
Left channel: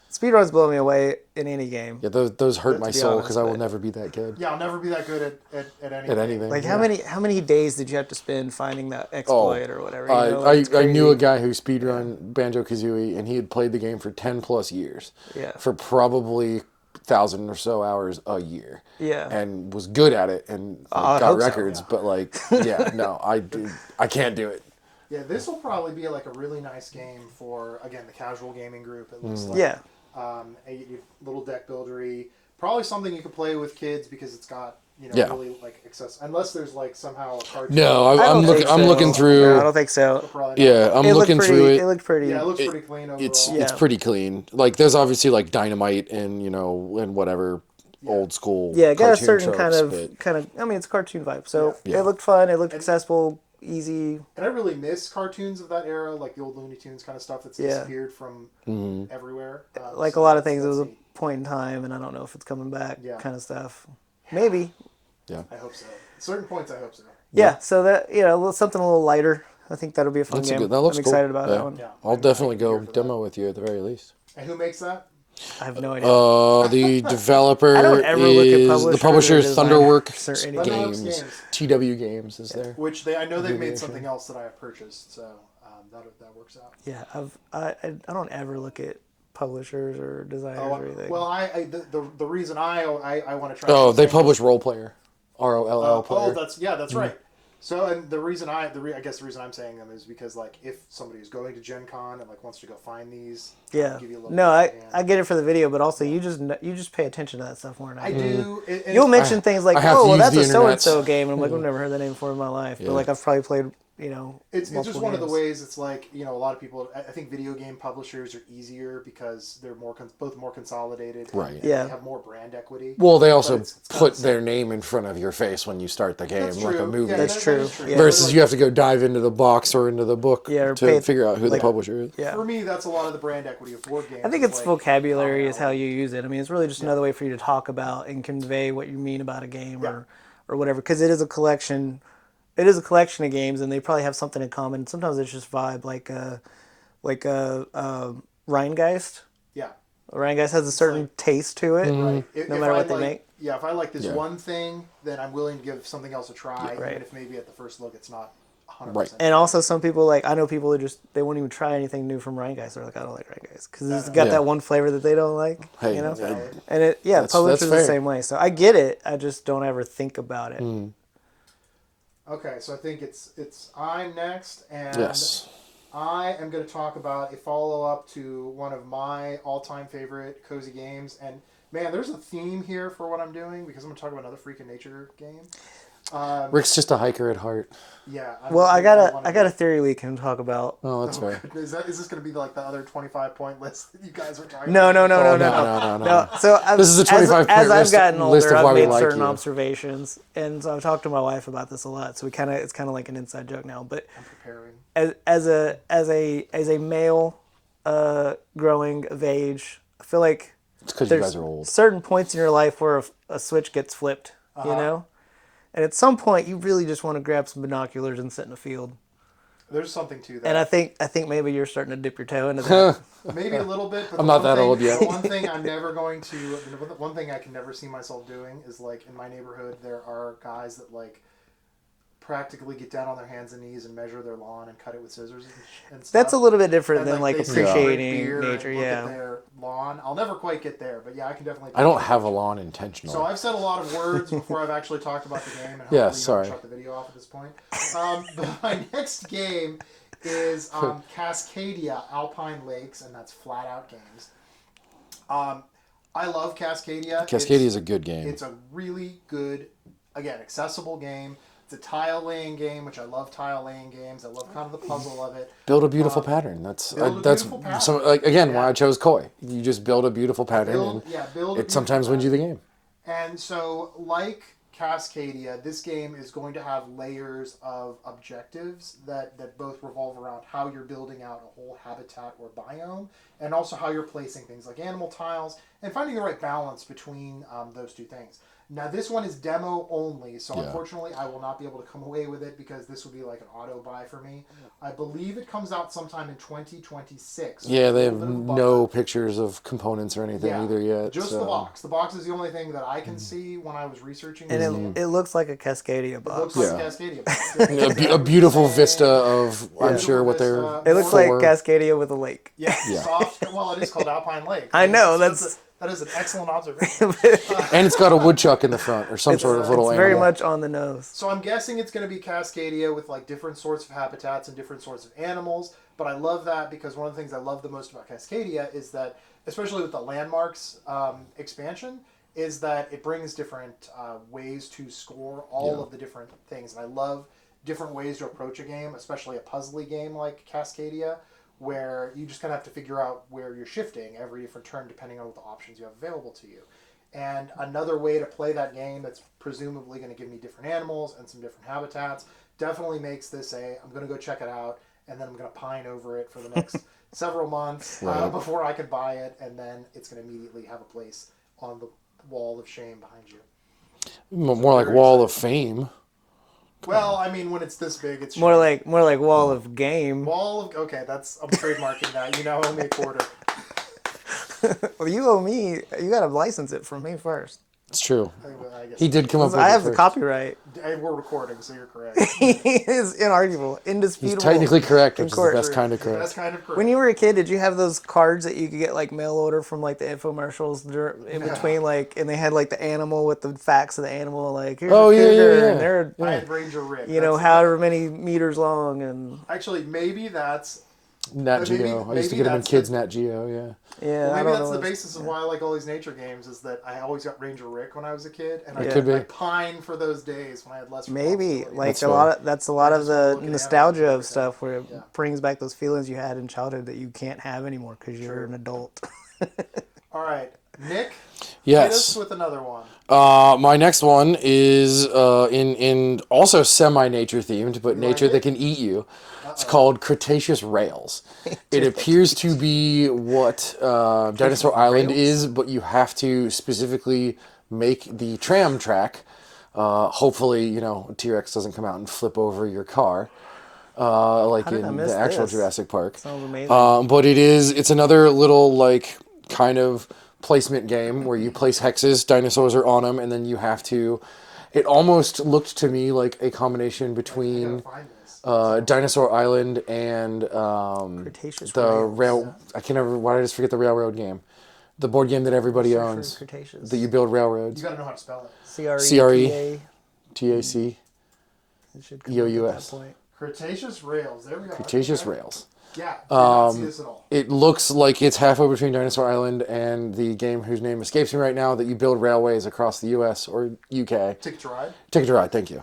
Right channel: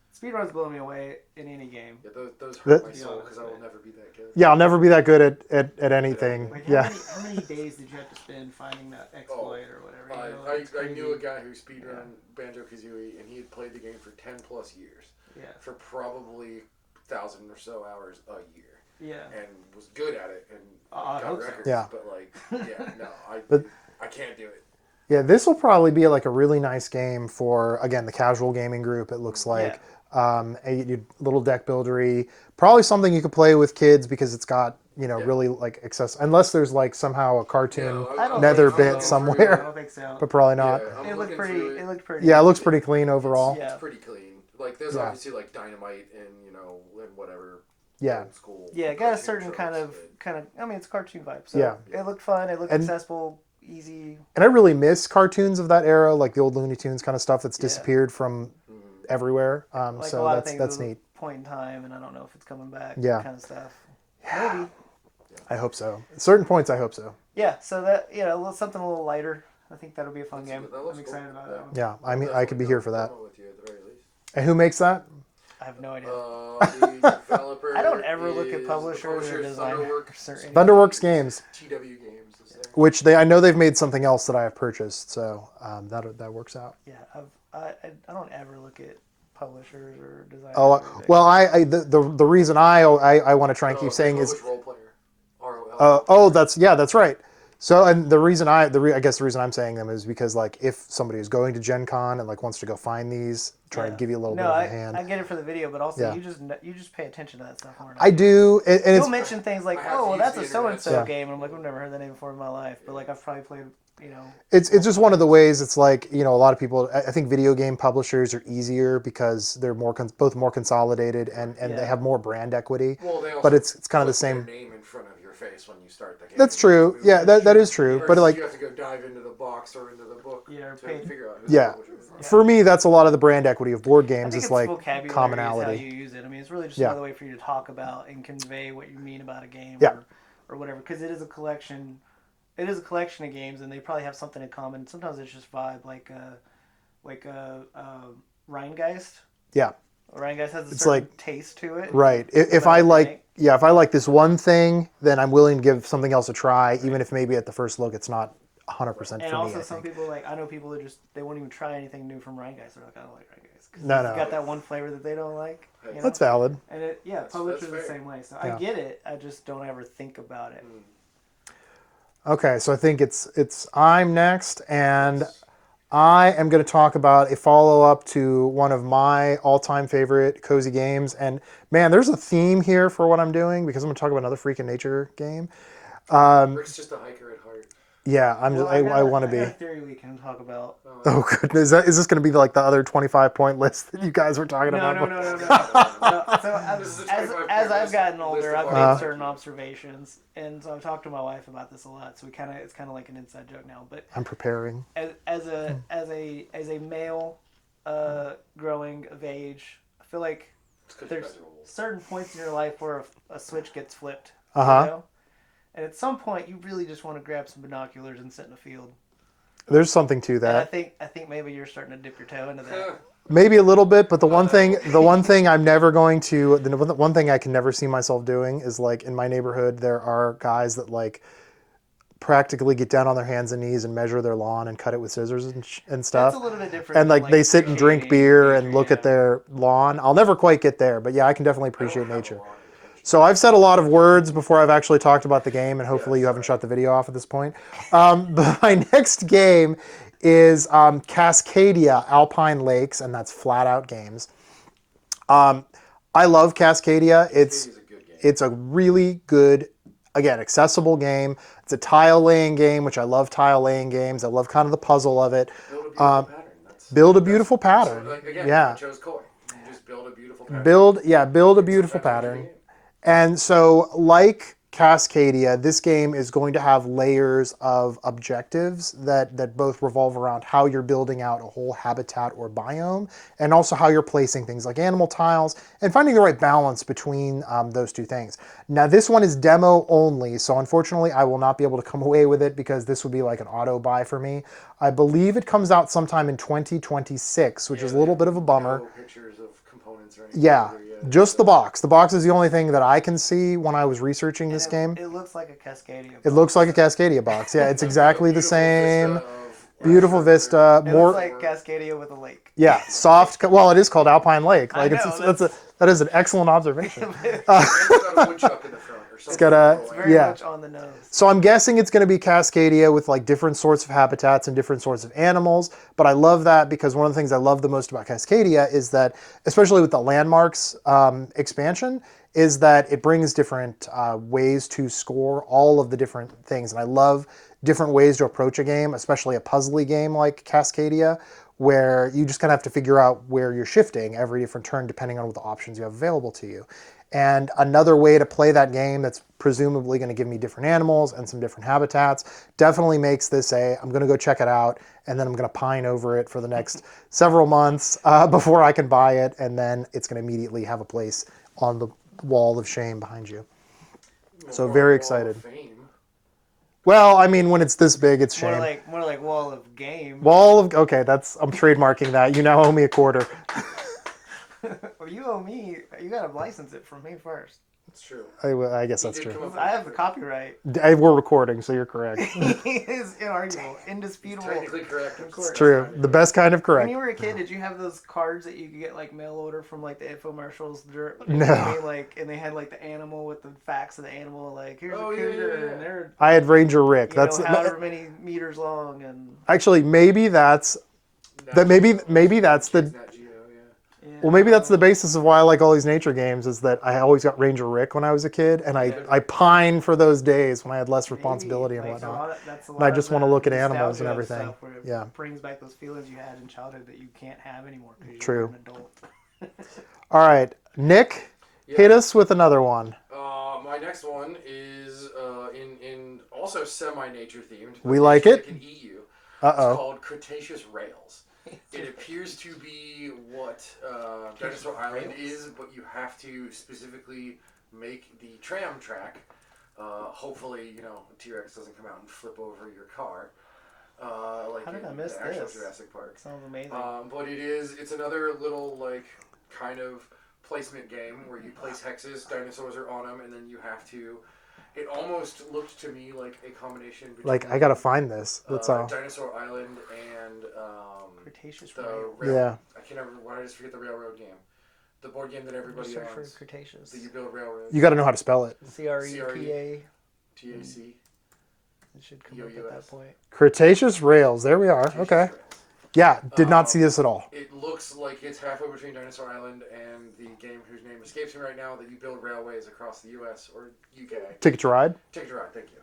Speedruns blow me away in any game. Yeah, those hurt my be soul honest, because I will but- never be that good. Yeah, I'll never be that good at anything. anything. Like Yeah. how many days did you have to spend finding that exploit or whatever? It's I knew crazy. a guy who speedrun Banjo-Kazooie, and he had played the game for 10 plus years. Yeah. For probably 1,000 or so hours a year. Yeah. And was good at it and I got hope so. records, Yeah. but like, yeah, no, I can't do it. Yeah, this will probably be like a really nice game for again the casual gaming group. It looks like Yeah. a little deck buildery, probably something you could play with kids because it's got Yeah. really like access. Unless there's like somehow a cartoon. No, I'm don't looking, know. I'm looking Somewhere. I through. don't think so. but probably not. Yeah, I'm It looked looking pretty. through It it. looked pretty. Yeah, it looks pretty clean It's overall. it's pretty clean. Like there's obviously like dynamite and and whatever Yeah. old school. Yeah, it got a cartoon certain tropes, but- kind of. I mean, it's a cartoon vibe. So Yeah. it looked fun. It looked accessible. easy. And I really miss cartoons of that era, like the old Looney Tunes kind of stuff that's Yeah. disappeared from everywhere. Like so a lot of that's- things, it that's was neat. a point in time, and I don't know if it's coming back. Yeah. Kind of stuff. Maybe. I hope so. At certain points, I hope so. Yeah. So that something a little lighter. I think that'll be a fun game. That looks I'm cool. excited about that one. Yeah, I'll I definitely could be go here for that. demo with you at the very least. And who makes that? I have no idea. The developer I don't ever look at is the publishers publisher or Thunderworks. designers or Thunderworks Games. TW Games is there. Which I know they've made something else that I have purchased, so that works out. Yeah, I don't ever look at publishers or designers. Oh, or anything. well, the reason I want to try and Oh, keep they saying publish is, Role Player. ROLL. that's right. So, and the reason I guess the reason I'm saying them is because like if somebody is going to Gen Con and like wants to go find these, try to give you a little bit no, of a hand. I get it for the video, but also Yeah. you just pay attention to that stuff more. I do. And You'll it's, mention things like, I have to oh, well, use that's the a so and internet, so so- game, and I'm like, I've never heard that name before in my life, but like I've probably played, it's just one of the ways. It's like a lot of people. I think video game publishers are easier because they're both more consolidated and Yeah. they have more brand equity. Well, they also it's kind of put the their same. name in front of your face when you start the game. That's like a true. movie. Yeah, that is true. Versus But like, you have to go dive into the box or into the book Yeah, or to pay- figure out who the Yeah. publisher is. Yeah. for me, that's a lot of the brand equity of board games. I think is it's like vocabulary is how commonality. you use it. I mean, it's really just Yeah. another way for you to talk about and convey what you mean about a game Yeah. or whatever. Because it is a collection. It is a collection of games, and they probably have something in common. Sometimes it's just vibe, like Rheingeist. Yeah. Rheingeist has a certain like- taste to it. Right. If matter I what they like, make. if I like this one thing, then I'm willing to give something else a try, even if maybe at the first look it's not 100%. And also, some people I know people who they won't even try anything new from Rheingeist. They're like, I don't like Rheingeist because it's got that one flavor that they don't like. Hey, that's valid. And That's publishers the fair. same way. So I get it. I just don't ever think about it. Okay, so I think it's I'm next, and Yes. I am going to talk about a follow-up to one of my all-time favorite cozy games. And man, there's a theme here for what I'm doing because I'm going to talk about another Freak in Nature game. Rick's just a hiker at heart. Yeah, Well, I got want to be. a theory we can talk about. Oh, that's right. Goodness, is this going to be like the other 25-point list that you guys were talking No, about? no, before? No. So This is a 25-point as I've list- gotten list older, of why I've we made like certain you. observations, and so I've talked to my wife about this a lot. So it's kind of like an inside joke now. But I'm preparing. as a male, growing of age, I feel like It's because you there's guys are old. certain points in your life where a switch gets flipped. You know. And at some point, you really just want to grab some binoculars and sit in a field. There's something to And I that. think maybe you're starting to dip your toe into that. Maybe a little bit, but I'm not that old yet. the one thing I'm never going to, the one thing I can never see myself doing is like in my neighborhood, there are guys that like practically get down on their hands and knees and measure their lawn and cut it with scissors and stuff. That's a little bit different. And than like they sit and drink appreciating beer nature, and look yeah. at their lawn. I'll never quite get there, but yeah, I can definitely I appreciate don't have a nature. lawn intentionally. So I've said a lot of words before I've actually talked about the game, and hopefully you haven't sorry. shut the video off at this point. But my next game is Cascadia Alpine Lakes, and that's Flat Out Games. I love Cascadia. Cascadia is a good game. It's a really good, again, accessible game. It's a tile laying game, which I love tile laying games. I love kind of the puzzle of it. Build a beautiful pattern. That's build a that's- beautiful pattern. So, like again, Yeah. why I chose Koi. You just build a beautiful pattern. Build and a beautiful sometimes pattern. wins you the game. And so, like Cascadia, this game is going to have layers of objectives that both revolve around how you're building out a whole habitat or biome, and also how you're placing things like animal tiles, and finding the right balance between those two things. Now, this one is demo only, so unfortunately, I will not be able to come away with it because this would be like an auto buy for me. I believe it comes out sometime in 2026, which is a they little have bit of a bummer. no pictures of components or anything Yeah, either yet. just the box. The box is the only thing that I can see when I was researching this game. It looks like a Cascadia box. It looks like a Cascadia box. Yeah, it's a exactly beautiful the same. vista of I'm Beautiful sure, what they're- vista. It more- looks like Cascadia with a lake. Yeah, soft. Well, it is called Alpine Lake. I Like, know, that is an excellent observation. and it's got a woodchuck in the front or some It's sort got of a- little it's Very animal. much on the nose. So I'm guessing it's going to be Cascadia with like different sorts of habitats and different sorts of animals. But I love that because one of the things I love the most about Cascadia is that, especially with the landmarks expansion, is that it brings different ways to score all of the different things. And I love different ways to approach a game, especially a puzzly game like Cascadia, where you just kind of have to figure out where you're shifting every different turn depending on what the options you have available to you. And another way to play that game that's presumably going to give me different animals and some different habitats definitely makes this I'm going to go check it out, and then I'm going to pine over it for the next several months before I can buy it, and then it's going to immediately have a place on the wall of shame behind you. More So like very Wall of excited. Fame. Well, I mean, when it's this big, it's shame. More like Wall of Game. Wall of, okay, I'm trademarking that. You now owe me a quarter. Well, you owe me. You gotta license it from me first. It's true. I guess He that's did true. come up with I it have the first. copyright. We're recording, so you're correct. It's inarguable, He's indisputable. technically correct, which is the course. best True. kind of The correct. best kind of correct. When you were a kid, did you have those cards that you could get like mail order from like the infomercials in between, like, and they had like the animal with the facts of the animal, like here's Oh, a yeah, cougar, yeah, yeah. and they're I had Ranger Rick. you know however many meters long, and Actually, maybe that's Nat That maybe- Geo. I used to maybe get them that's kids the- Nat Geo. Yeah. yeah. well, maybe I don't that's the know. basis of why I like all these nature games. Is that I always got Ranger Rick when I was a kid, and Could be. I pine for those days when I had less Maybe responsibility. and like less a work. lot of that's a lot I of just wanna the look at animals and nostalgia of everything. stuff where it Yeah. brings back those feelings you had in childhood that you can't have anymore because you're True. an adult. All right, Nick, Yes. hit us with another one. My next one is in also semi-nature themed, but We nature like it. that can eat you. It's called Cretaceous Rails. It appears to be what Dinosaur Island is, but you have to specifically make the tram track. Hopefully, T-Rex doesn't come out and flip over your car, like did I in miss the actual this? Jurassic Park. Sounds amazing. But it's another little like kind of placement game where you place hexes, dinosaurs are on them, and then you have to. It almost looked to me like a combination Like between I gotta find this. That's Dinosaur Island and Cretaceous the Rails. rail. Yeah. I can't remember. Why did I just forget the railroad game? The board game that everybody Search for owns. Cretaceous. That you build railroads. you got to know how to spell it. CRE. TAC. It should come EOUS. up at that point. Cretaceous Rails. There we are. Cretaceous Okay. Rails. Yeah, did not see this at all. It looks like it's halfway between Dinosaur Island and the game whose name escapes me right now that you build railways across the U.S. or U.K. Ticket to Ride. Ticket to Ride, thank you.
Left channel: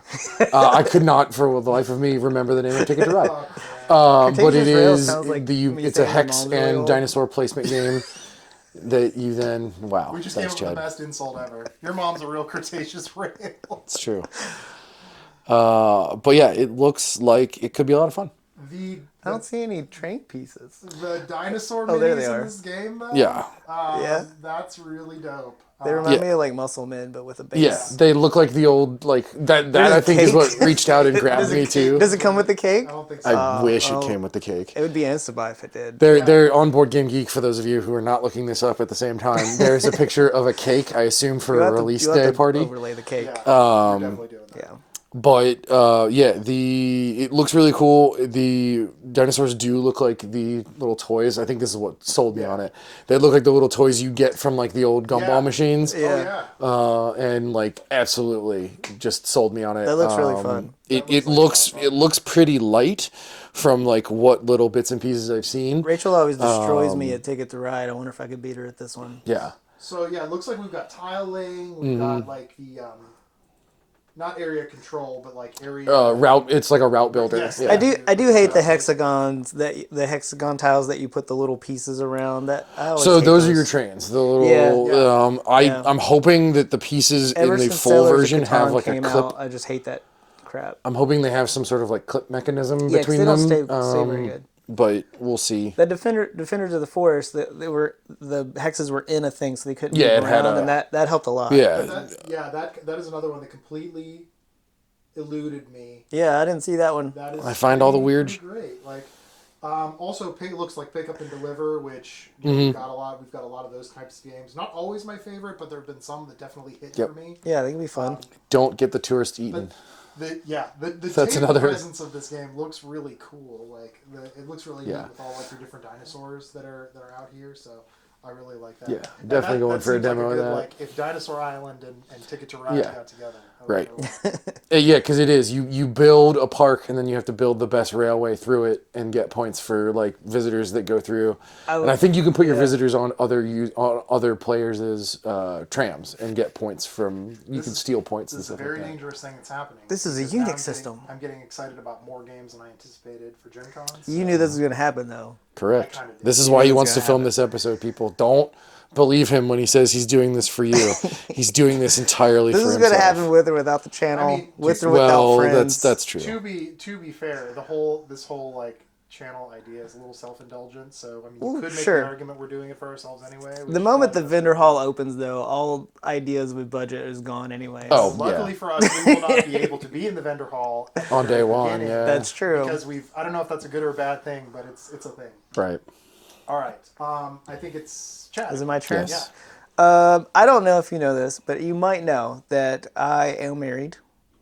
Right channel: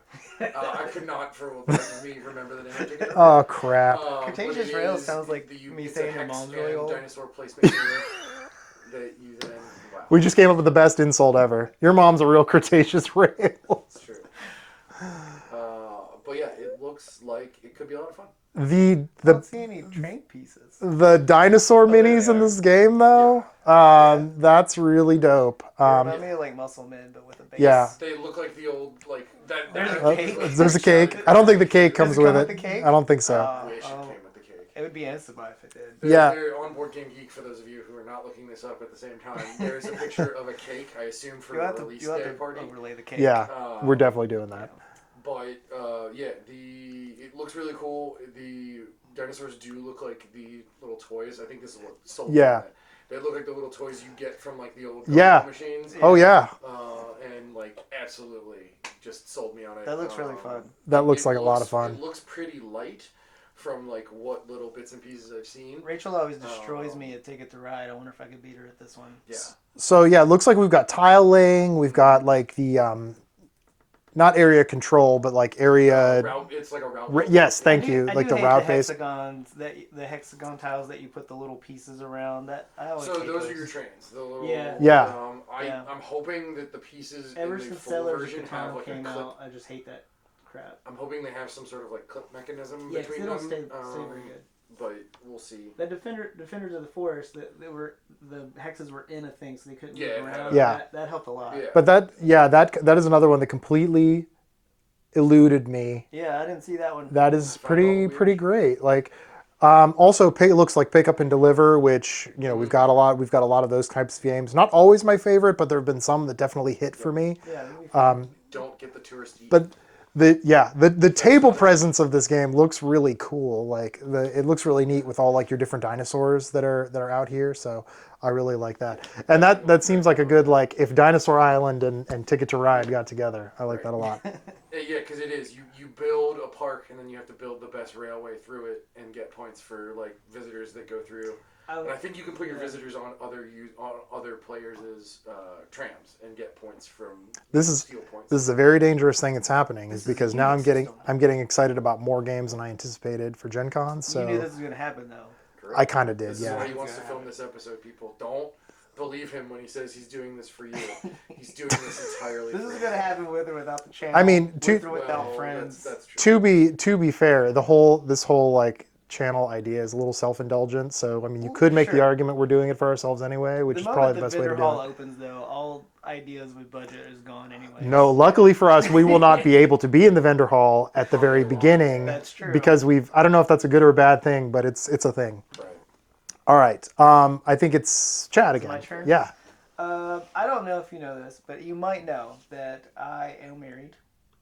I could not, for the life of me, remember the name of Ticket to Ride. Oh crap! But Cretaceous it Rails is sounds like me it's a saying my hex mom's really and old. dinosaur placement game that you then wow. We just came thanks, up with the Chad. best insult ever. Your mom's a real Cretaceous Rail. It's true. But yeah, it looks like it could be a lot of fun. The I don't see any train pieces. the dinosaur there minis they in are. this game though. Yeah. That's really dope. They remind yeah. me of like Muscle Men, but with a base. Yeah. They look like the old like that. That I think is what There's a reached out and cake. grabbed I don't think me the cake too. comes Does it come with with the cake? I don't think so. I wish it came with the cake. It would be an Insta-buy if it did. They're on Board Game Geek for those of you who are not looking this up at the same time. There's a picture of a cake, I assume for You'll a have to- release you'll have day to party. Overlay the cake. Yeah, we're definitely doing that. But it looks really cool. The dinosaurs do look like the little toys. I think this is what sold me Yeah. on it. They look like the little toys you get from like the old gumball Yeah. machines. Oh yeah. And like absolutely just sold me on it. That looks really fun. That looks like a lot of fun. It looks pretty light from like what little bits and pieces I've seen. Rachel always destroys me at Ticket to Ride. I wonder if I could beat her at this one. Yeah. So yeah, it looks like we've got tile laying. We've got like the not area control, but like area Route. It's like a route builder. Yes, Yeah. thank I you. do Like hate the the route base. hexagons the hexagon tiles that you put the little pieces around. That I always So hate those are your trains. The little Yeah. Yeah. I'm hoping that the pieces Ever in the since full Sailors of version have Catan like a came clip. out, I just hate that crap. I'm hoping they have some sort of like clip mechanism Yeah, 'cause between they don't them. stay very good. But we'll see. The Defenders of the Forest, the hexes were in a thing, so they couldn't Yeah, move it had around. a- Yeah. That helped a lot. Yeah. But that is another one that completely eluded me. Yeah, I didn't see that one. That is I find all the weird- pretty great. Like also it looks like pick up and deliver, which we've got a lot of those types of games. Not always my favorite, but there have been some that definitely hit for me. Yeah, they can be fun. Don't get the tourist eaten. But the table another- presence of this game looks really cool. Like it looks really neat with all like your different dinosaurs that are out here. So I really like that. And definitely going that for a seems like a demo of good that. like if Dinosaur Island and Ticket to Ride Yeah. got together. I like Right. that a lot. Yeah, because it is. You build a park and then you have to build the best railway through it and get points for like visitors that go through. And I think you can put your visitors on other players' trams and get points from. Steal points. This is a very dangerous thing that's happening. This is a because now Unix system. I'm getting excited about more games than I anticipated for Gen Con. So You knew this was going to happen, though. Correct. I kinda did, This is yeah. why he It's wants to gonna film happen. this episode. People don't believe him when he says he's doing this for you. He's doing this entirely This for is himself. going to happen with or without the channel. I mean, with or Well, without friends. that's true. To be fair, this whole like channel idea is a little self-indulgent. So I mean, you could make the sure. argument we're doing it for ourselves anyway. Which The is moment probably the best way vendor to do hall it. opens, though, all ideas with budget is gone anyway. No, Oh, luckily yeah. for us, we will not be able to be in the vendor hall at the On very day one, beginning. yeah. That's true. Because I don't know if that's a good or a bad thing, but it's a thing. Right. All right. I think it's Chad. Is it again. my turn? Yeah. I don't know if you know this, but you might know that I am married,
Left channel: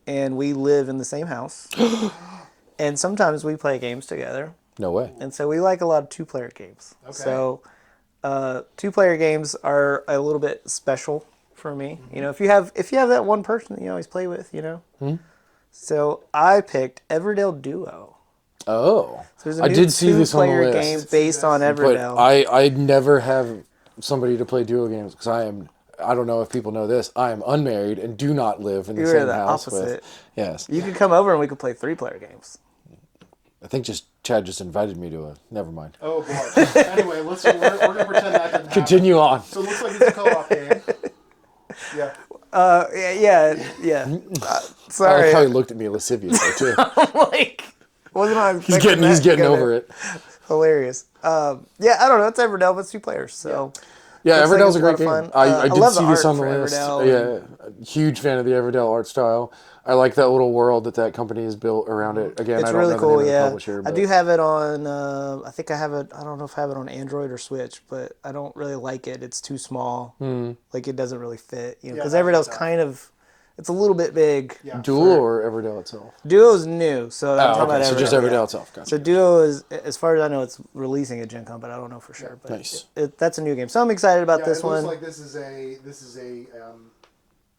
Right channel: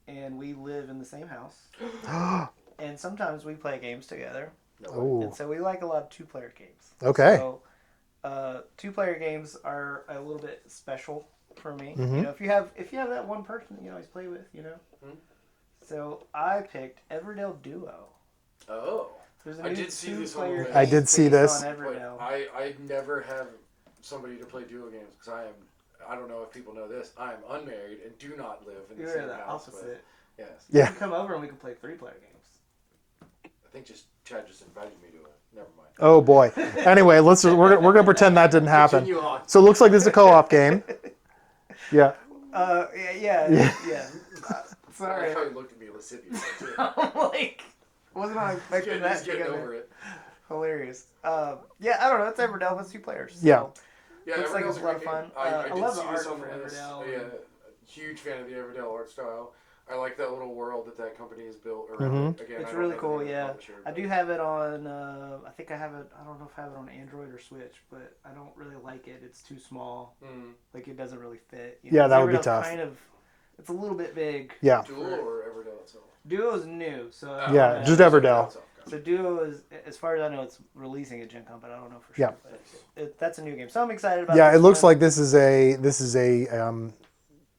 and we live in the same house. And sometimes we play games together. No way. And so we like a lot of two-player games. Okay. So two-player games are a little bit special for me. Mm-hmm. You know, if you have that one person that you always play with, you know. Mm-hmm. So I picked Everdell Duo. Oh. So there's a I new did see this on the two-player list. game I did see based this, on But Everdell. I never have somebody to play duo games because I don't know if people know this. I am unmarried and do not live in the You're same the house opposite. with. Yes. You can come over and we could play three-player games. I think Chad just invited me to a. Never mind. Oh boy. Anyway, we're gonna pretend that didn't happen. Continue on. So it looks like this is a co-op game. Yeah. Yeah. I Sorry. probably looked at me lasciviously too. Like, wasn't I He's getting over it. Hilarious. Yeah, I don't know. It's Everdell, but it's two players. So. Yeah. Yeah, Looks like Everdell's it's a a lot great of game. fun. I did love see the this art on the for list. Everdell. Yeah, huge fan of the Everdell art style. I like that little world that company has built around it. Again, It's I don't really know cool. the name of the Yeah, publisher, I but do have it on. I think I have it. I don't know if I have it on Android or Switch, but I don't really like it. It's too small. Like it doesn't really fit. You know, Yeah, 'cause that would be Everdell's tough. kind of. It's a little bit big. Yeah. Duel or Everdell itself. Duo's new, so that's Oh, about okay. So Everdell. just Everdell. Everdell itself. Gotcha. So Duo is, as far as I know, it's releasing at Gencon, but I don't know for sure. Yeah. But Nice. that's a new game, so I'm excited about Yeah. this It looks one. like this is a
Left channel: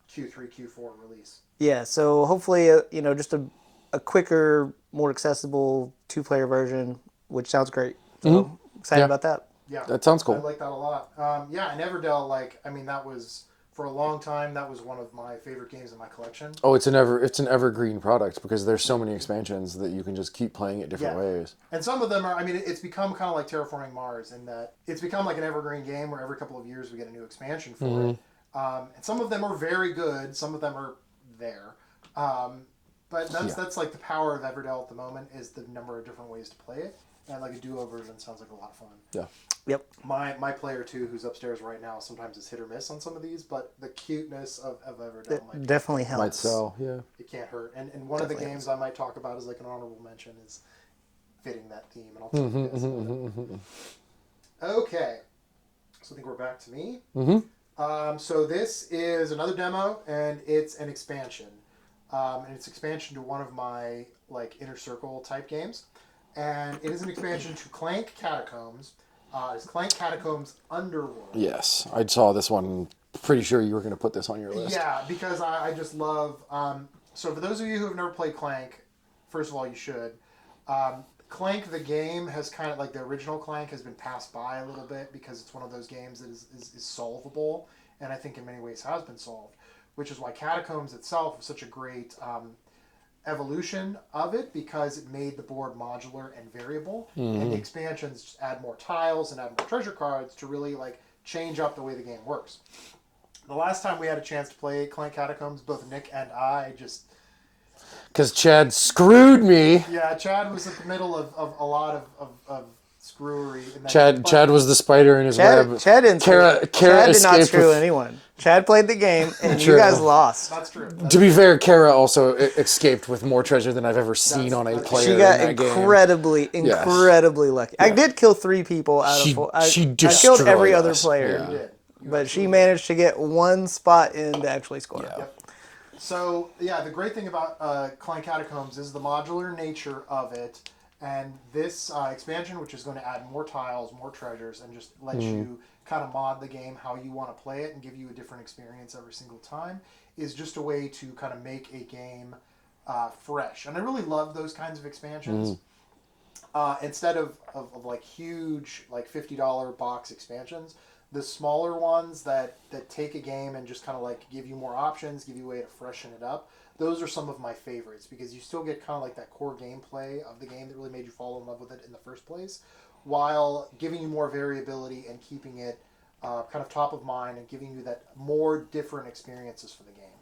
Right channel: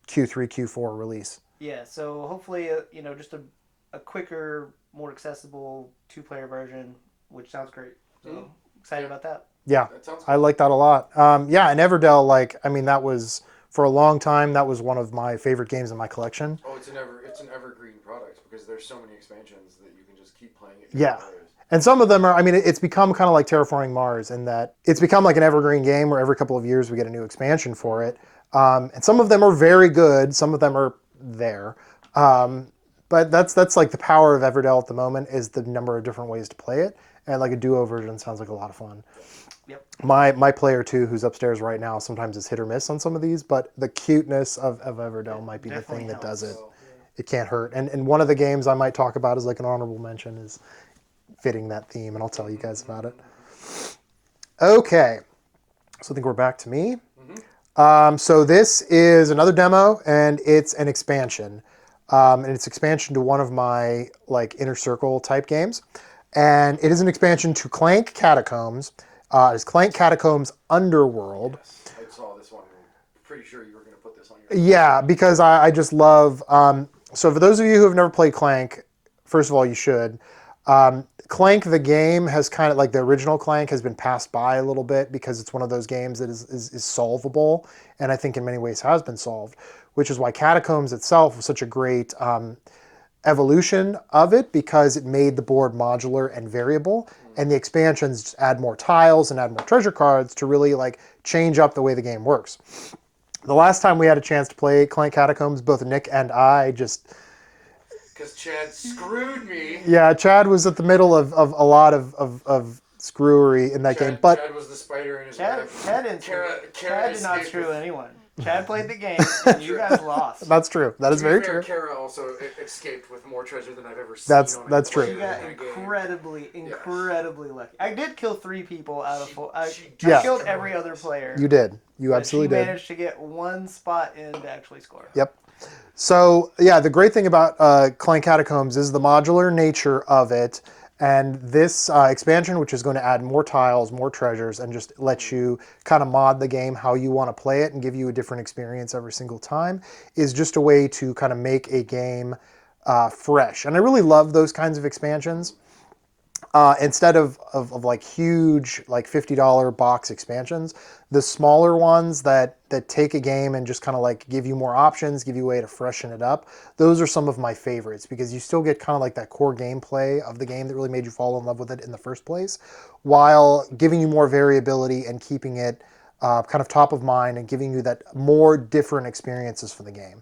Q3 Q4 release. Yeah, so hopefully, just a quicker, more accessible two-player version, which sounds great. So excited Yeah. about that. Yeah. That sounds cool. I like that a lot. Yeah, and Everdell, that was for a long time. That was one of my favorite games in my collection. Oh, it's an evergreen product because there's so many expansions that you can just keep playing it different ways. And some of them are, it's become kind of like Terraforming Mars in that it's become like an evergreen game where every couple of years we get a new expansion for it. And some of them are very good. Some of them are there. But that's like the power of Everdell at the moment is the number of different ways to play it. And like a duo version sounds like a lot of fun. Yeah. Yep. My player too, who's upstairs right now, sometimes is hit or miss on some of these, but the cuteness of Everdell might be definitely the thing helps. that does it. So yeah. It can't hurt. And one of the games I might talk about is like an honorable mention is fitting that theme, and I'll tell you guys about it. Okay, so I think we're back to me. So this is another demo, and it's an expansion, and it's expansion to one of my like Inner Circle type games, and it is an expansion to Clank Catacombs. It's Clank Catacombs Underworld. Yes, I saw this one. Pretty sure you were going to put this on your list. Yeah, because I just love. So for those of you who have never played Clank, first of all, you should. Clank the game has kind of like the original Clank has been passed by a little bit because it's one of those games that is solvable, and I think in many ways has been solved, which is why Catacombs itself was such a great evolution of it because it made the board modular and variable, and the expansions just add more tiles and add more treasure cards to really like change up the way the game works. The last time we had a chance to play Clank Catacombs, both Nick and I just... Because Chad screwed me. Yeah, Chad was at the middle of a lot of screwery in that game. But Chad was the spider in his web. Chad didn't. Kara Chad did not escaped screw with- anyone. Chad played the game, and you True. guys lost. that's true. That To is be very fair, true. Kara also escaped with more treasure than I've ever seen That's- on a that's player true. She in got that game. incredibly lucky. I did kill 3 people out She- of 4. she I killed destroyed every other us. player. You did. You But she absolutely did. managed to get 1 spot in to actually score. Yep. So yeah, the great thing about Clank Catacombs is the modular nature of it, and this expansion, which is going to add more tiles, more treasures, and just let you kind of mod the game how you want to play it and give you a different experience every single time, is just a way to kind of make a game fresh. And I really love those kinds of expansions. Instead of like huge like $50 box expansions, the smaller ones that take a game and just kind of like give you more options, give you a way to freshen it up, those are some of my favorites because you still get kind of like that core gameplay of the game that really made you fall in love with it in the first place, while giving you more variability and keeping it kind of top of mind and giving you that more different experiences for the game.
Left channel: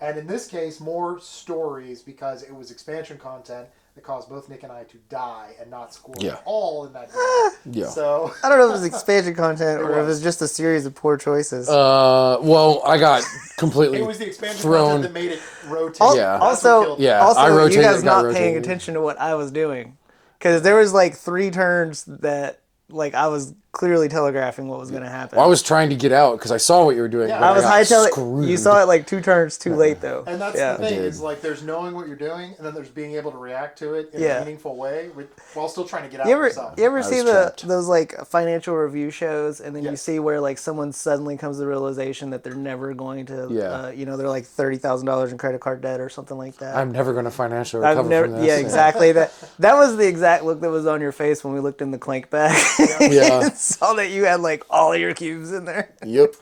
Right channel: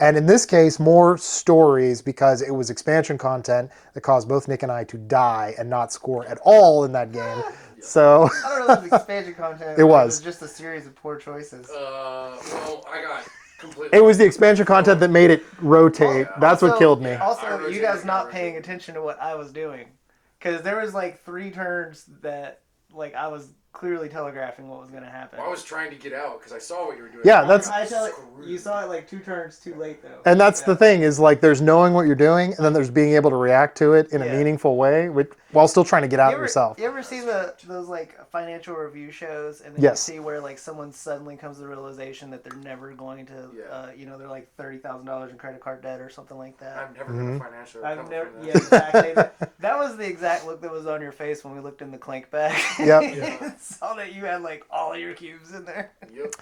And in this case, more stories because it was expansion content that caused both Nick and I to die and not score at all in that game. Yeah. So I don't know if it was expansion content or if it was just a series of poor choices. Well, I got completely. it was the expansion content that made it rotate. Yeah. That's what killed me. Yeah. Also, I rotated, you guys got not paying rotated. attention to what I was doing. Because there was like 3 turns that like I was clearly telegraphing what was going to happen. I was trying to get out because I saw what you were doing. Yeah, but I was got hightailing. screwed. You saw it like 2 turns too late though. And that's the thing is like there's knowing what you're doing and then there's being able to react to it in a Yeah. meaningful way while still trying to get out yourself. You ever see trapped. those like financial review shows and then you Yes. see where like someone suddenly comes to the realization that they're never going to, they're like $30,000 in credit card debt or something like that. I'm never going to financially I've recover never, from this. yeah, exactly. That was the exact look that was on your face when we looked in the clank bag. Yep. Yeah. and saw that you had like all your cubes in there. Yep.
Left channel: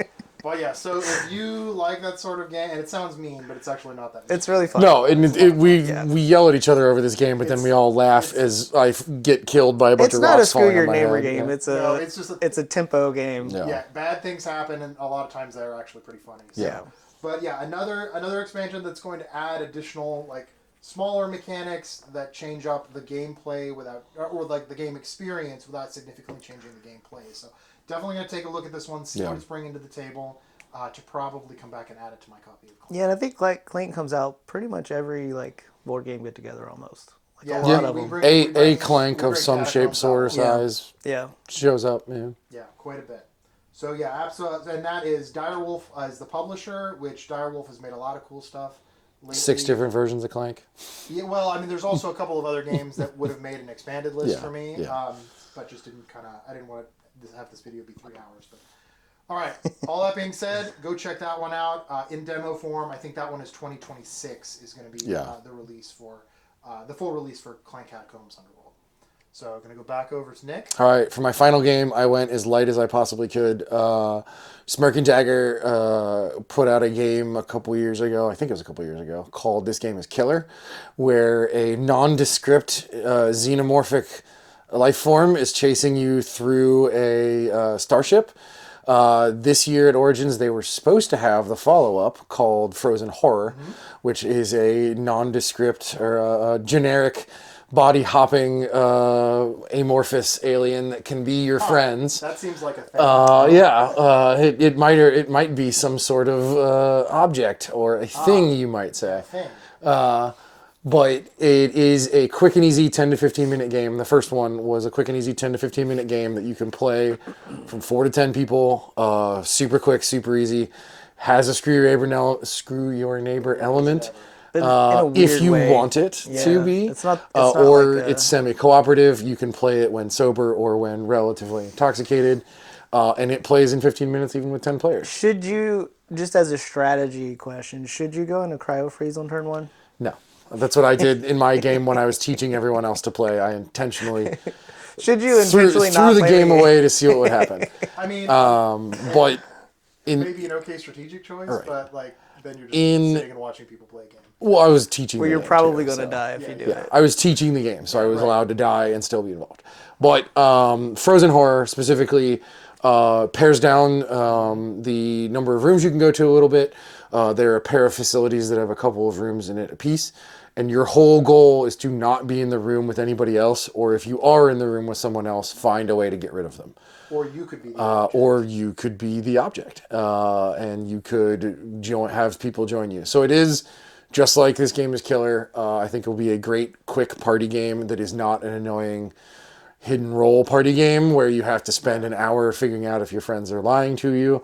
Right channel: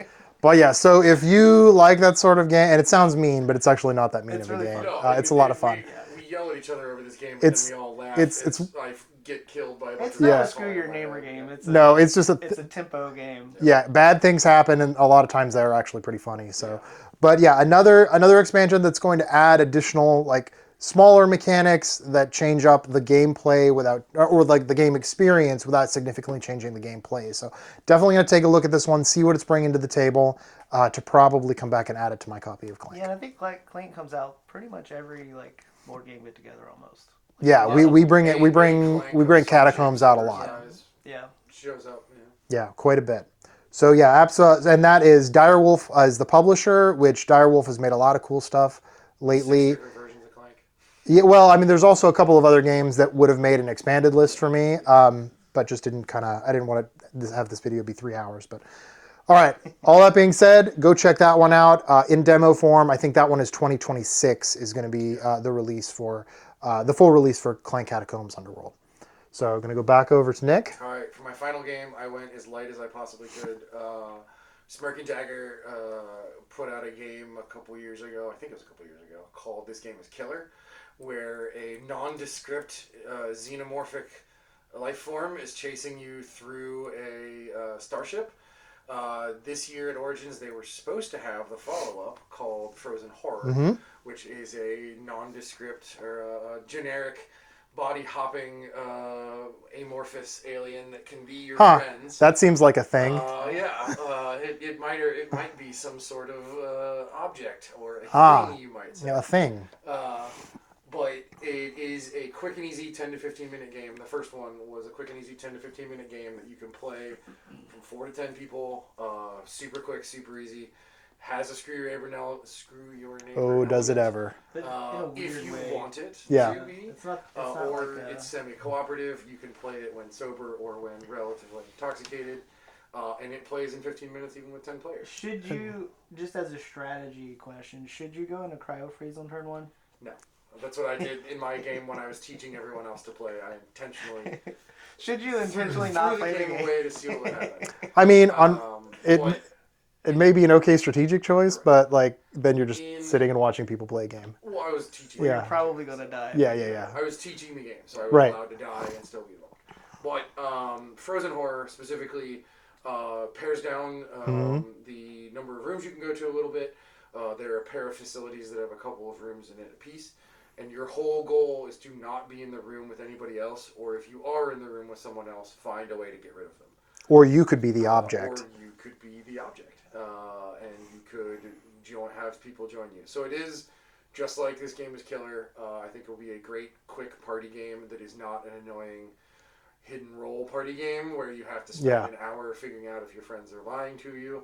Well, yeah. So if you like that sort of game, and it sounds mean, but it's actually not that mean. It's of a really game. fun. No, and it's a lot of fun. we yell at each other over this game, but then we all laugh as I get killed by a bunch It's of not a rocks screw falling your on my neighbor head. game. Yeah. It's a No, it's just a tempo game. Yeah, bad things happen, and a lot of times they're actually pretty funny. So, Yeah. but yeah, another expansion that's going to add additional like smaller mechanics that change up the gameplay without, or like the game experience without significantly changing the gameplay. So definitely gonna take a look at this one, see what it's bringing to the table, to probably come back and add it to my copy of Clank. Yeah, and I think like Clank comes out pretty much every like board game get together almost. Yeah, Yeah. we bring A we Clank of bring some shape, Catacombs out a sort, lot. size Yeah. shows up. Yeah. Yeah, quite a bit. So yeah, absolutely, and that is Direwolf is the publisher, which Direwolf has made a lot of cool stuff lately. 6 different versions of Clank. Yeah, well, I mean, there's also a couple of other games that would have made an expanded list for me, but just didn't I didn't want to have this video be 3 hours. But all right, all that being said, go check that one out in demo form. I think that one is 2026 is going to be the release for the full release for Clank Catacombs Underworld. So I'm going to go back over to Nick. All right, for my final game, I went as light as I possibly could. Smirk and Jagger put out a game a couple years ago, I think it was a couple years ago, called This Game is Killer, where a nondescript xenomorphic life form is chasing you through a starship. This year at Origins, they were supposed to have the follow-up called Frozen Horror, which is a nondescript or a generic body-hopping amorphous alien that can be your friends. That seems like a thing. It might be some sort of object or a thing, you might say. a thing. But it is a quick and easy 10 to 15 minute game. The first one was a quick and easy 10 to 15 minute game that you can play from 4 to 10 people. Super quick, super easy. Has a screw your neighbor Does it element. ever? But in a If weird you want want it to be, It's not or like it's semi-cooperative. You can play it when sober or when relatively intoxicated, and it plays in 15 minutes even with 10 players. Should you, just as a strategy question, should you go into cryo freeze on turn 1? No, that's what I did in my game when I was teaching everyone else to play. I intentionally Should you threw intentionally not the play game away to see what would happen. I mean, But it may be an okay strategic choice, but like then you're just sitting and watching people play a game. well, I was teaching. Where the you're game probably too, going to so. die. Yeah. I was teaching the game, so I was Right. allowed to die and still be involved. But Frozen Horror specifically pares down the number of rooms you can go to a little bit. There are a pair of facilities that have a couple of rooms in it apiece. And your whole goal is to not be in the room with anybody else, or if you are in the room with someone else, find a way to get rid of them. Or you could be the object. Or you could be the object, and you could have people join you. So it is just like This Game is Killer. I think it will be a great, quick party game that is not an annoying hidden role party game where you have to spend an hour figuring out if your friends are lying to you.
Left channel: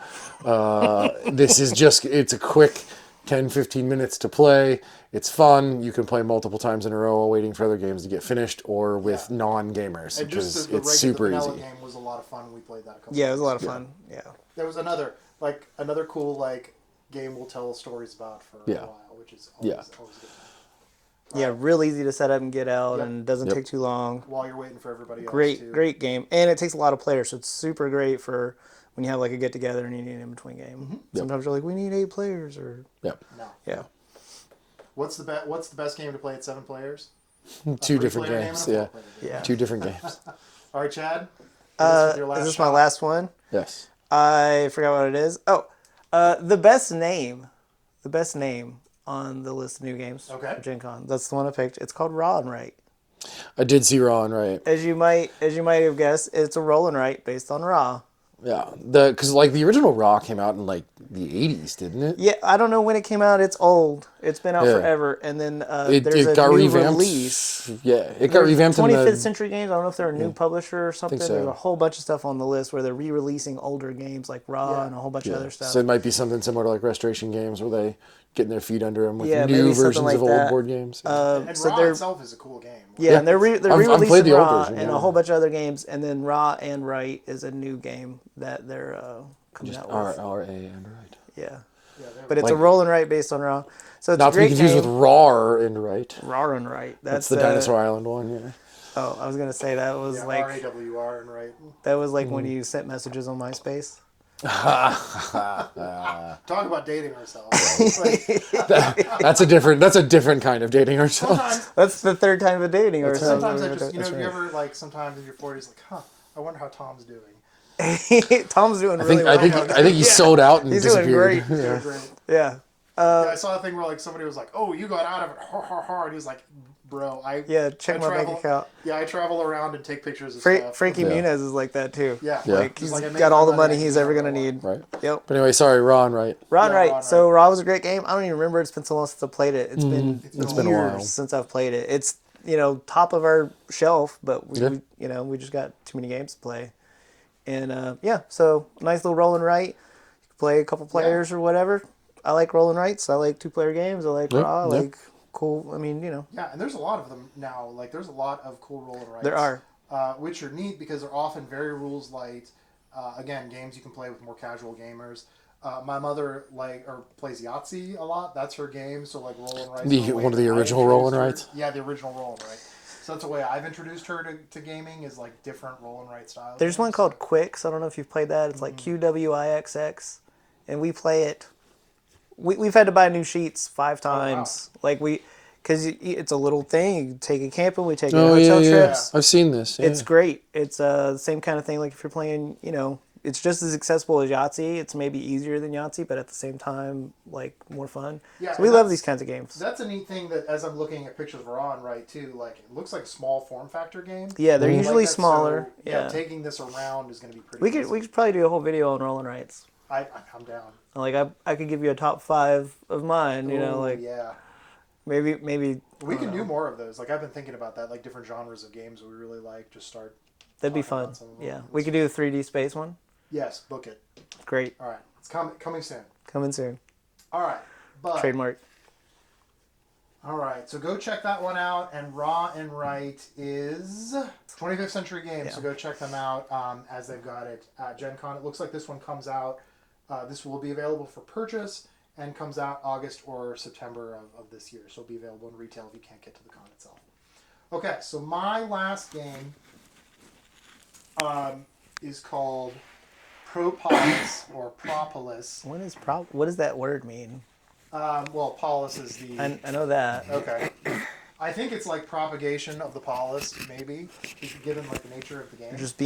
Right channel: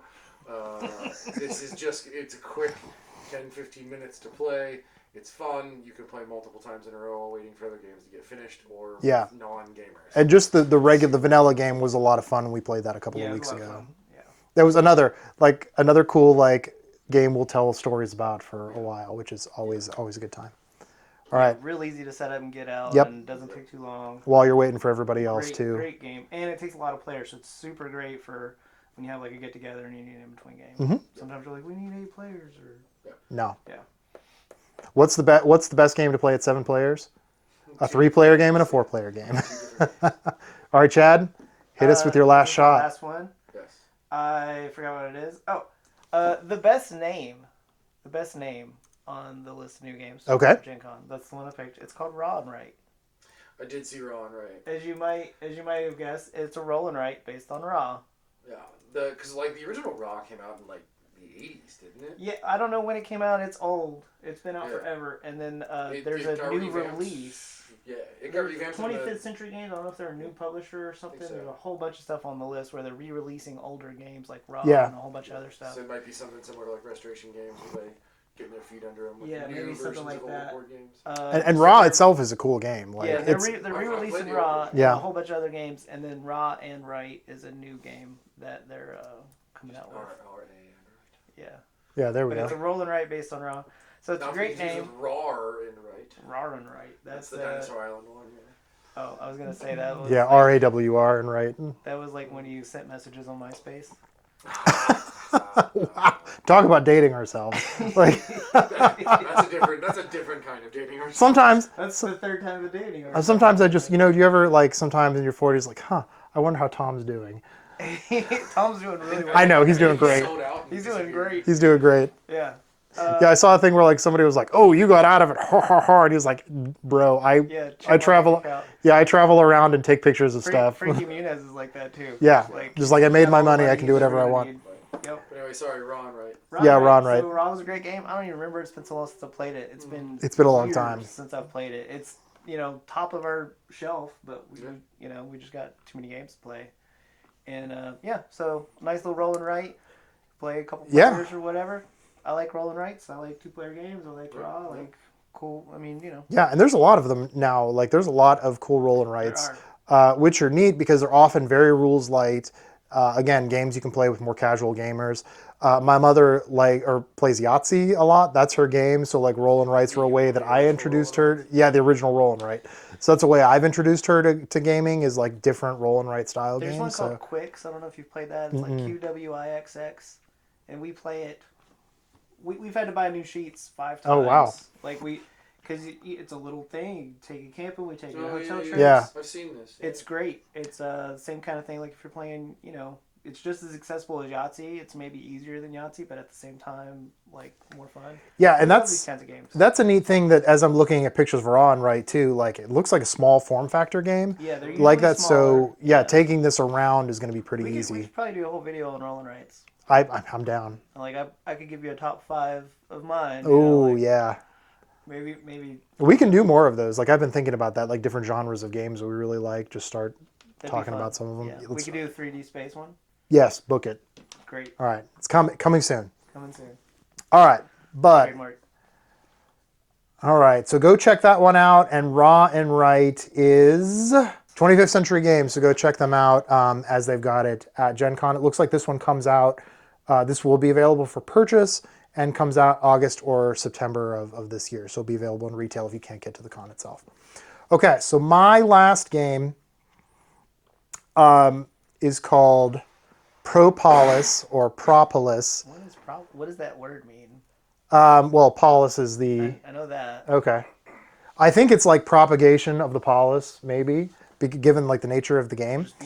This is just, it's a quick 10, 15 minutes to play. It's fun. You can play multiple times in a row while waiting for other games to get finished or with non-gamers. And just the It's the super vanilla easy. game was a lot of fun. We played that a couple Yeah, it of was a weeks lot of ago. fun. Yeah. There was another cool game we'll tell stories about for a while, which is always a good time. Yeah, real easy to set up and get out, Yep. and doesn't take too long. While you're waiting for everybody else to Great game, and it takes a lot of players, so it's super great for when you have like a get together and you need an in between game. Sometimes you're like, we need 8 players, or No. yeah. What's the best game to play at 7 players? A 2 3-player different game and a games, 4-player game. 2 different games. All right, Chad, hit us with your Is last this shot. my last one. Yes. I forgot what it is. Oh, the best name on the list of new games. Okay. For Gen Con. That's the one I picked. It's called Raw and Right. I did see Raw and Right. As you might have guessed, it's a roll and write based on Raw. Yeah, because like the original Raw came out in like the 80s, didn't it? Yeah, I don't know when it came out. It's old. It's been out Yeah. forever. And then It there's a got new revamped. release. Yeah, it got revamped in 25th the. Century Games. I don't know if they're a new publisher or something. so. There's a whole bunch of stuff on the list where they're re-releasing older games like Raw Yeah. and a whole bunch of other stuff. So it might be something similar to like Restoration Games where they getting their feet under them with Yeah, new maybe something versions like of old that. board games. And so Raw they're- itself is a cool game. Like, Yeah, and they're I've played re-releasing the old Raw version. and Yeah. a whole bunch of other games, and then Raw and Right is a new game that they're coming out with. RA and Right. Yeah, yeah, there we but go. it's a roll and write based on Raw, so it's Not a to be great confused game. with Raw and Right. Raw and Right. That's the Dinosaur Island one. Yeah. Oh, I was gonna say that was yeah, like, RAWR and right. that was like when you sent messages on MySpace. Talk about dating ourselves. Like, That's a different kind of dating ourselves. sometimes, That's the third time of dating. Or sometimes I just, do you ever like sometimes in your 40s like, I wonder how Tom's doing. Tom's doing really well. I know, he's I think doing he great. sold out and He's doing disappeared. great. He's doing great. Yeah. Yeah, I saw a thing where like somebody was like, "Oh, you got out of it, ha ha ha," and he was like, "Bro, Yeah, check I my travel, bank account. yeah, I travel around and take pictures of stuff." Frankie Muniz is like that too. Yeah, Like, just like I made got my all the money, I can he's do ever whatever I gonna want. need. Right. Yep. But anyway, sorry, Raw and Right. Raw, Yeah, right. Raw and So Right. Raw was a great game. I don't even remember. It's been so long since I played it. It's been It's been a long years time. since I've played it. It's top of our shelf, but Yeah. we just got too many games to play. And yeah, so nice little roll and write. Play a couple Yeah. players or whatever. I like roll and writes. I like 2-player games. I like Raw. I yeah. like cool. I mean, Yeah, and there's a lot of them now. Like, there's a lot of cool roll and writes. There are. Which are neat because they're often very rules light. Again, games you can play with more casual gamers. My mother plays Yahtzee a lot. That's her game. So like roll and writes were a way One of that the I original roll introduced and her. writes? Yeah, the original roll and write. So that's the way I've introduced her to gaming is like different roll and write style There's games. one called Quicks. I don't know if you've played that. It's like QWIXX, and we play it. We've had to buy new sheets 5 times. Oh, wow. Like because it's a little thing. You take it camping. We take it Oh on yeah, hotel yeah. trips. I've seen this. Yeah. It's great. It's the same kind of thing. Like if you're playing, it's just as accessible as Yahtzee. It's maybe easier than Yahtzee, but at the same time, like more fun. Yeah, So and we love that's- these kinds of games. That's a neat thing that as I'm looking at pictures of Raw and Right too, like it looks like a small form factor game. Yeah, they're And usually that, smaller. So yeah, Yeah. taking this around is going to be pretty we easy. could probably do a whole video on roll and writes. I'm down. Like I could give you a top 5 of mine. Oh like yeah. maybe We can do more of those. Like I've been thinking about that, like different genres of games that we really like. Just start that'd be talking fun. about some of them. Yeah, we Let's- could do the 3D space one. Yes, book it. Great, All right, it's coming soon. coming soon. All right, but Trademark. all right, so go check that one out. And Raw and Right is 25th Century Games, so go check them out as they've got it at Gen Con. It looks like this one comes out. This will be available for purchase and comes out August or September of this year. So it'll be available in retail if you can't get to the con itself. Okay, so my last game is called Propolis or Propolis. What does that word mean? Well, polis is the... I know that. Okay. I think it's like propagation of the polis, maybe, given like the nature of the game. Just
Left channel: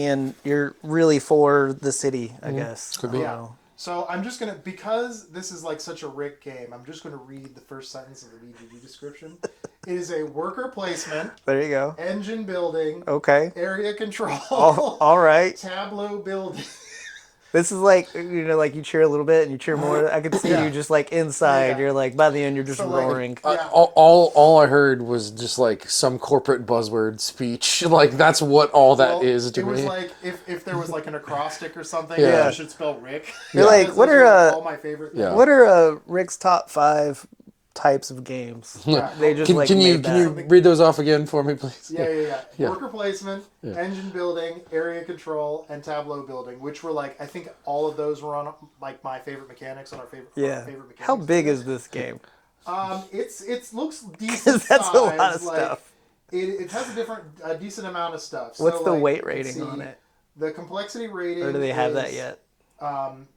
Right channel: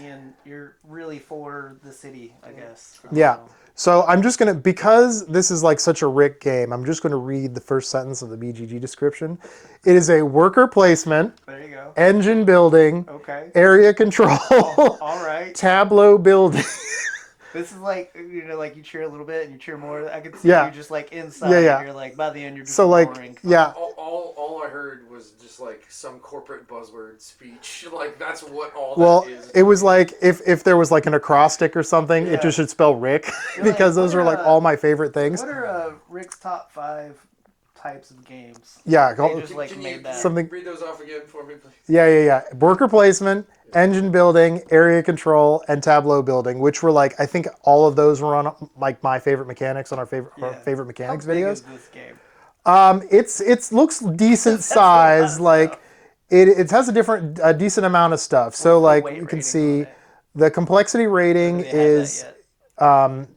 you're really for the city, I guess. I don't Yeah. know. So I'm just going to, because this is like such a Rick game, I'm just going to read the first sentence of the BGG description. It is a worker placement, There you go. engine building, Okay. area control, All right. tableau building. This is like like you cheer a little bit and you cheer more. I could see Yeah. you just like inside. Yeah. You're like by the end you're just So like, roaring. yeah, All I heard was just like some corporate buzzword speech. Like that's what all that well, is. to it was me. like if there was like an acrostic or something, it Yeah. just should spell Rick You're like, because what those are like are, all my favorite things. What are Rick's top 5 types of games? Yeah, They just, like, Can you made that. Something- read those off again for me, please? Yeah. Worker placement, engine building, area control, and tableau building, which were like I think all of those were on like my favorite mechanics on our favorite How mechanics. big videos. is this game? It looks decent That's a lot of size. Like stuff. it has a decent amount of stuff. So What's the like weight you can rating see on it? the complexity Or rating do they have is that yet?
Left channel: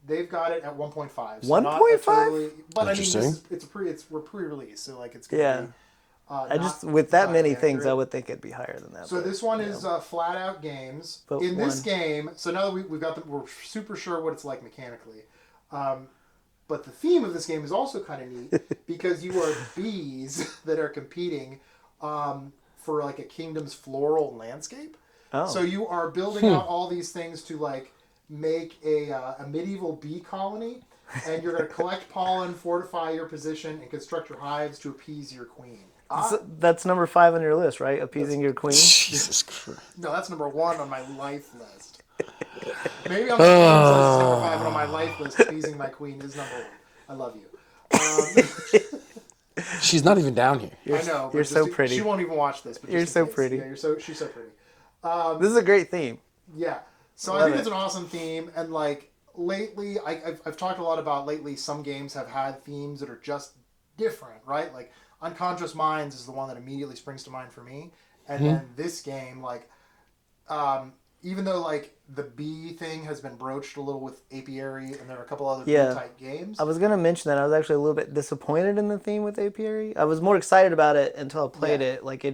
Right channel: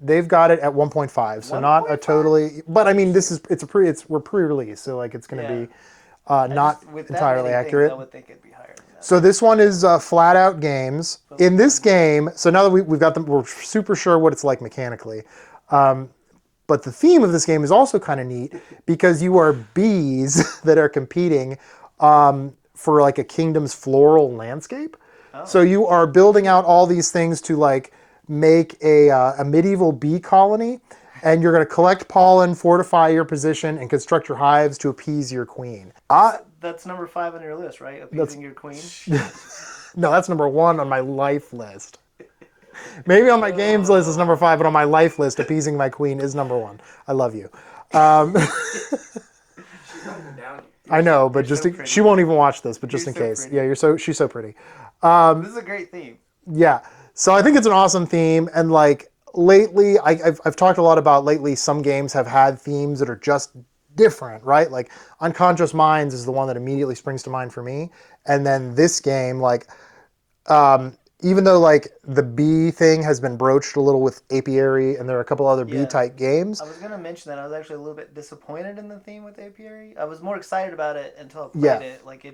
they've got it at 1.5. So not a 1.5? totally, but I mean this Interesting. is we're pre-release, so like it's gonna Yeah. be. not with that entirely many accurate. things, I would think it'd be higher than that. So this one is Flat Out Games. Vote In this one. game, so now that we've got them, we're super sure what it's like mechanically. But the theme of this game is also kind of neat because you are bees that are competing for like a kingdom's floral landscape. Oh. So you are building out all these things to like make a medieval bee colony, and you're going to collect pollen, fortify your position, and construct your hives to appease your queen. That's number 5 on your list, right? Appeasing your queen. No, that's number 1 on my life list. Maybe on my games list is number 5, but on my life list, appeasing my queen is number 1. I love you. She's not even down here. I know, but you're just so pretty. she won't even watch this. But just You're in so case, pretty. yeah, she's so pretty. This is a great theme. Yeah, so I think it's an awesome theme, and like lately, I've talked a lot about lately. Some games have had themes that are just different, right? Like Unconscious Minds is the one that immediately springs to mind for me, and then this game, like. Even though like the bee thing has been broached a little with Apiary, and there are a couple other Yeah. bee type games. I was gonna mention that I was actually a little bit disappointed in the theme with Apiary. I was more excited about it until I played Yeah. it. Like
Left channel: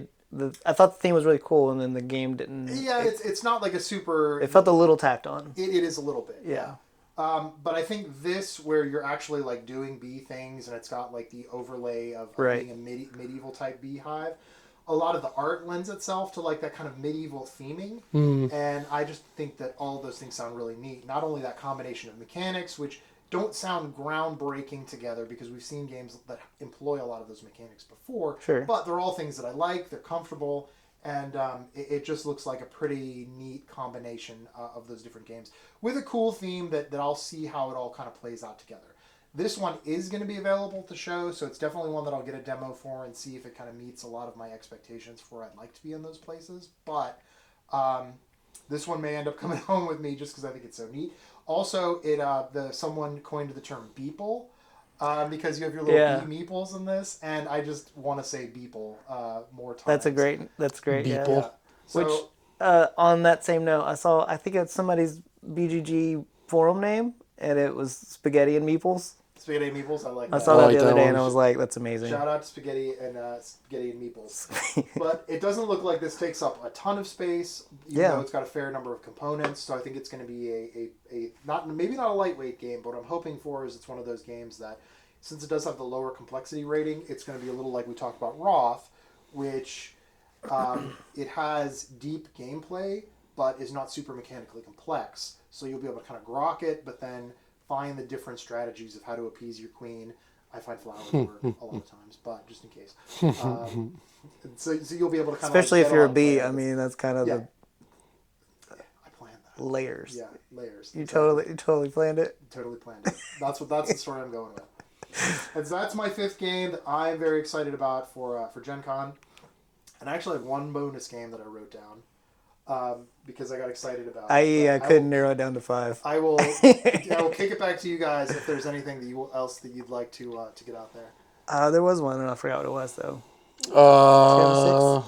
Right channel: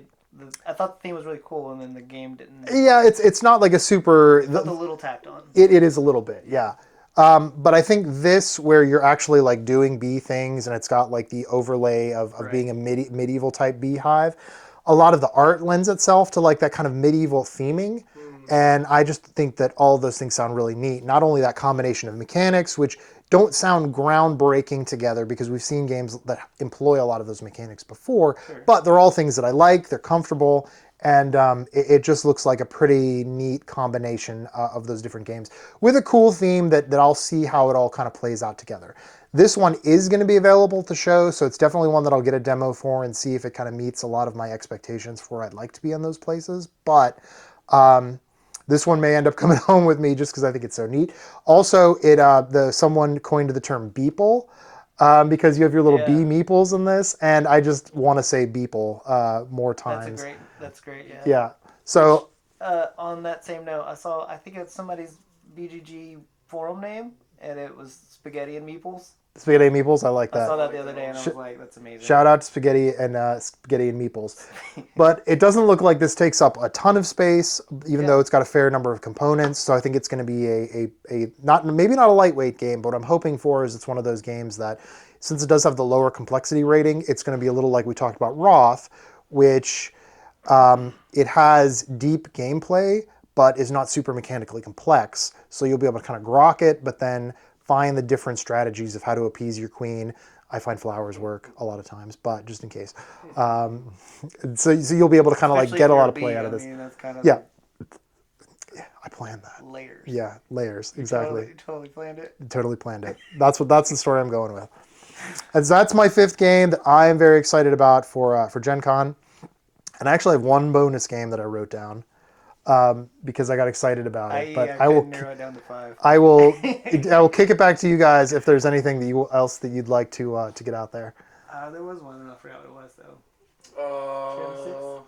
I thought the theme was really cool, and then the game didn't. Yeah, it's not like a super. It felt a little tacked on. It is a little bit, yeah. But I think this, where you're actually like doing bee things, and it's got like the overlay of Right. being a medieval type beehive. A lot of the art lends itself to like that kind of medieval theming, and I just think that all of those things sound really neat. Not only that combination of mechanics, which don't sound groundbreaking together because we've seen games that employ a lot of those mechanics before, Sure. but they're all things that I like. They're comfortable, and it just looks like a pretty neat combination of those different games with a cool theme that I'll see how it all kind of plays out together. This one is going to be available at the show, so it's definitely one that I'll get a demo for and see if it kind of meets a lot of my expectations for where I'd like to be in those places. But this one may end up coming home with me just because I think it's so neat. Also, someone coined the term beeple because you have your little Yeah. bee meeples in this, and I just want to say beeple more times. That's great. Yeah. Yeah. So On that same note, I think it's somebody's BGG forum name, and it was Spaghetti and Meeples. spaghetti and meeples, I like that. I saw that like the other that day, one. and I was like, "That's amazing." Shout out to Spaghetti and Meeples. But it doesn't look like this takes up a ton of space, even Yeah. though it's got a fair number of components. So I think it's going to be a maybe not a lightweight game, but what I'm hoping for is it's one of those games that, since it does have the lower complexity rating, it's going to be a little like we talked about Roth, which it has deep gameplay, but is not super mechanically complex. So you'll be able to kind of grok it, but then find the different strategies of how to appease your queen. I find flowers work a lot of times, but just in case. So you'll be able to kind of like Especially get if a you're lot a of play bee. out I of this. mean, that's kind of Yeah. I planned that. layers. Yeah, layers. You Exactly. totally planned it. Totally planned it. That's the story I'm going with. And so that's my 5th game that I am very excited about for Gencon. And I actually have one bonus game that I wrote down because I got excited about it. But I couldn't narrow it down to 5. I will kick it back to you guys if there's anything else that you'd like to get out there. There was one, and I forgot what it was though. Uh,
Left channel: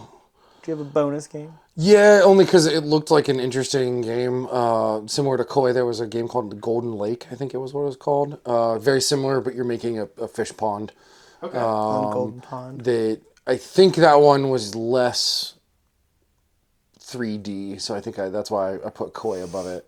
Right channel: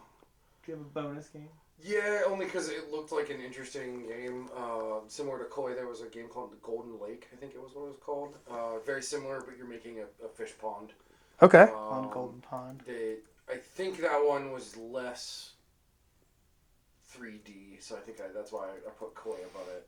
Do you have a bonus game? yeah, only because it looked like an interesting game. Similar to Koi, there was a game called the Golden Lake, I think it was what it was called. Very similar, but you're making a fish pond. Okay. On Golden Pond. I think that one was less 3D, so I think that's why I put Koi above it.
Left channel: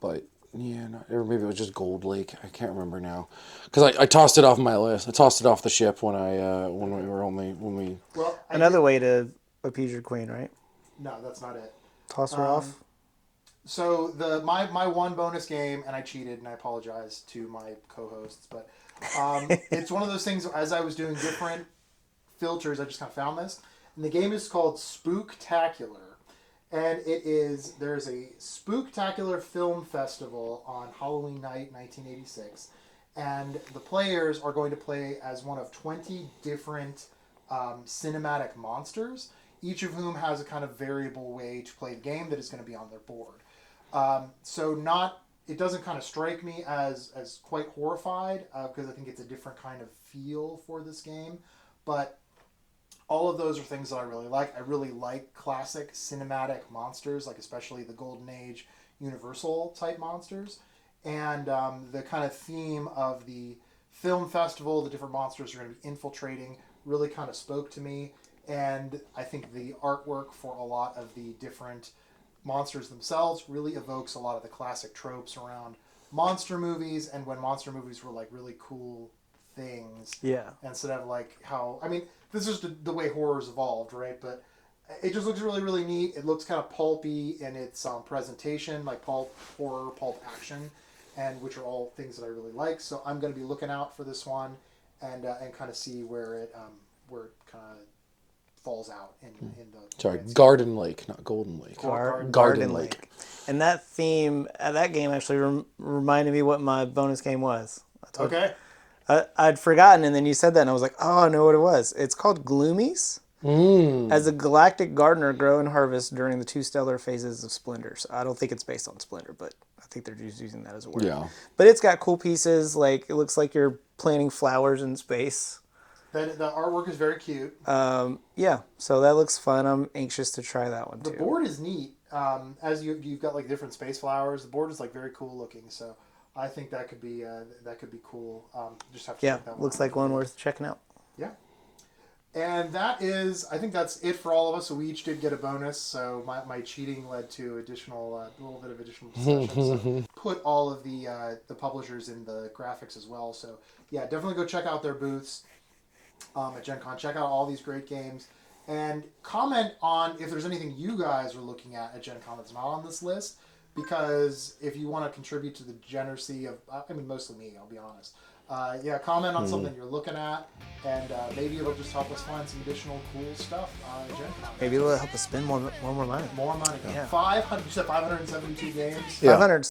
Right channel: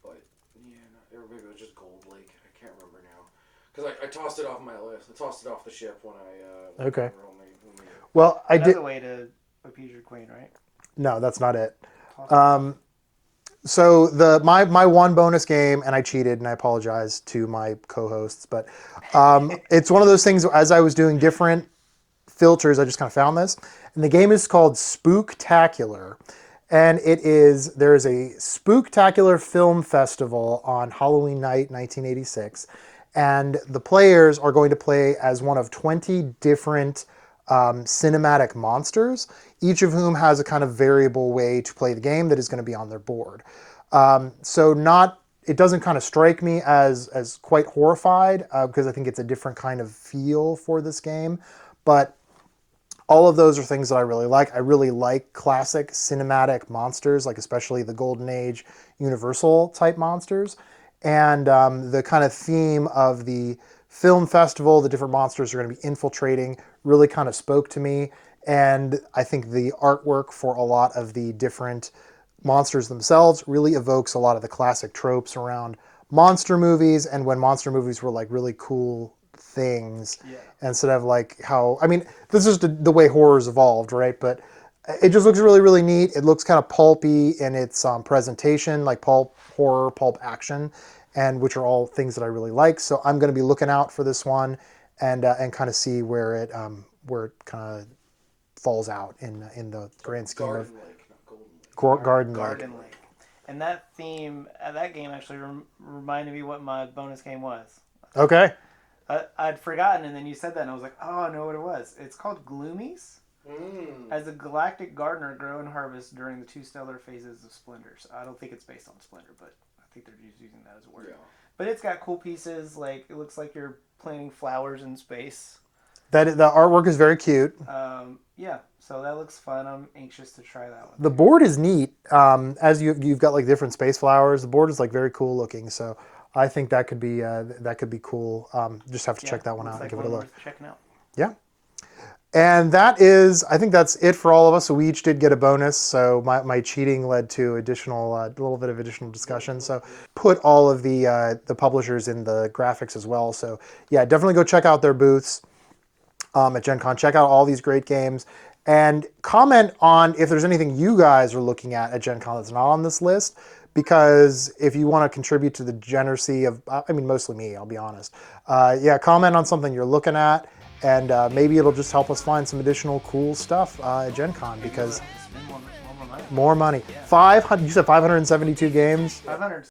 But yeah, or maybe it was just Gold Lake. I can't remember now, because I tossed it off my list. I tossed it off the ship when Okay. when we. Well, I did. Another way to appease your queen, right? No, that's not it. Toss her off. So my one bonus game, and I cheated, and I apologize to my co-hosts, but it's one of those things. As I was doing different filters, I just kind of found this, and the game is called Spooktacular, and there is a Spooktacular film festival on Halloween night, 1986, and the players are going to play as one of 20 different cinematic monsters, each of whom has a kind of variable way to play the game that is going to be on their board. It doesn't kind of strike me as quite horrified because I think it's a different kind of feel for this game. But all of those are things that I really like. I really like classic cinematic monsters, like especially the Golden Age Universal type monsters. And the kind of theme of the film festival, the different monsters are going to be infiltrating, really kind of spoke to me. And I think the artwork for a lot of the different monsters themselves really evokes a lot of the classic tropes around monster movies, and when monster movies were like really cool things. Yeah. Instead of like how, I mean, this is the way horror's evolved, right? But it just looks really, really neat. It looks kind of pulpy in its presentation, like pulp horror, pulp action, and which are all things that I really like. So I'm going to be looking out for this one, and kind of see where it kind of falls out in the Sorry, grand scheme of- Garden Lake, not Golden Lake. Garden Lake. And that theme, that game actually reminded me what my bonus game was. Okay. I'd forgotten, and then you said that, and I was like, oh, I know what it was. It's called Gloomies. As a galactic gardener, grow and harvest during the 2 stellar phases of Splendor. So I don't think it's based on Splendor, but I think they're just using that as a word. Yeah. But it's got cool pieces. Like, it looks like you're planting flowers in space. That the artwork is very cute. Yeah, so that looks fun. I'm anxious to try that one. The board is neat. As you've got like different space flowers. The board is like very cool looking. So I think that could be cool. Just have to check that one looks out. like Give it a one look. worth checking out. Yeah. And I think that's it for all of us. So we each did get a bonus. So my cheating led to a little bit of additional discussion. So put all of the publishers in the graphics as well. So yeah, definitely go check out their booths at Gencon. Check out all these great games and comment on if there's anything you guys are looking at Gencon that's not on this list. Because if you want to contribute to the generosity of, I mean, mostly me, I'll be honest. Comment on something you're looking at, and maybe it'll just help us find some additional cool stuff at Gen Con. Maybe it'll help us spend more money. More money. 500, you said 572 games? Yeah. 500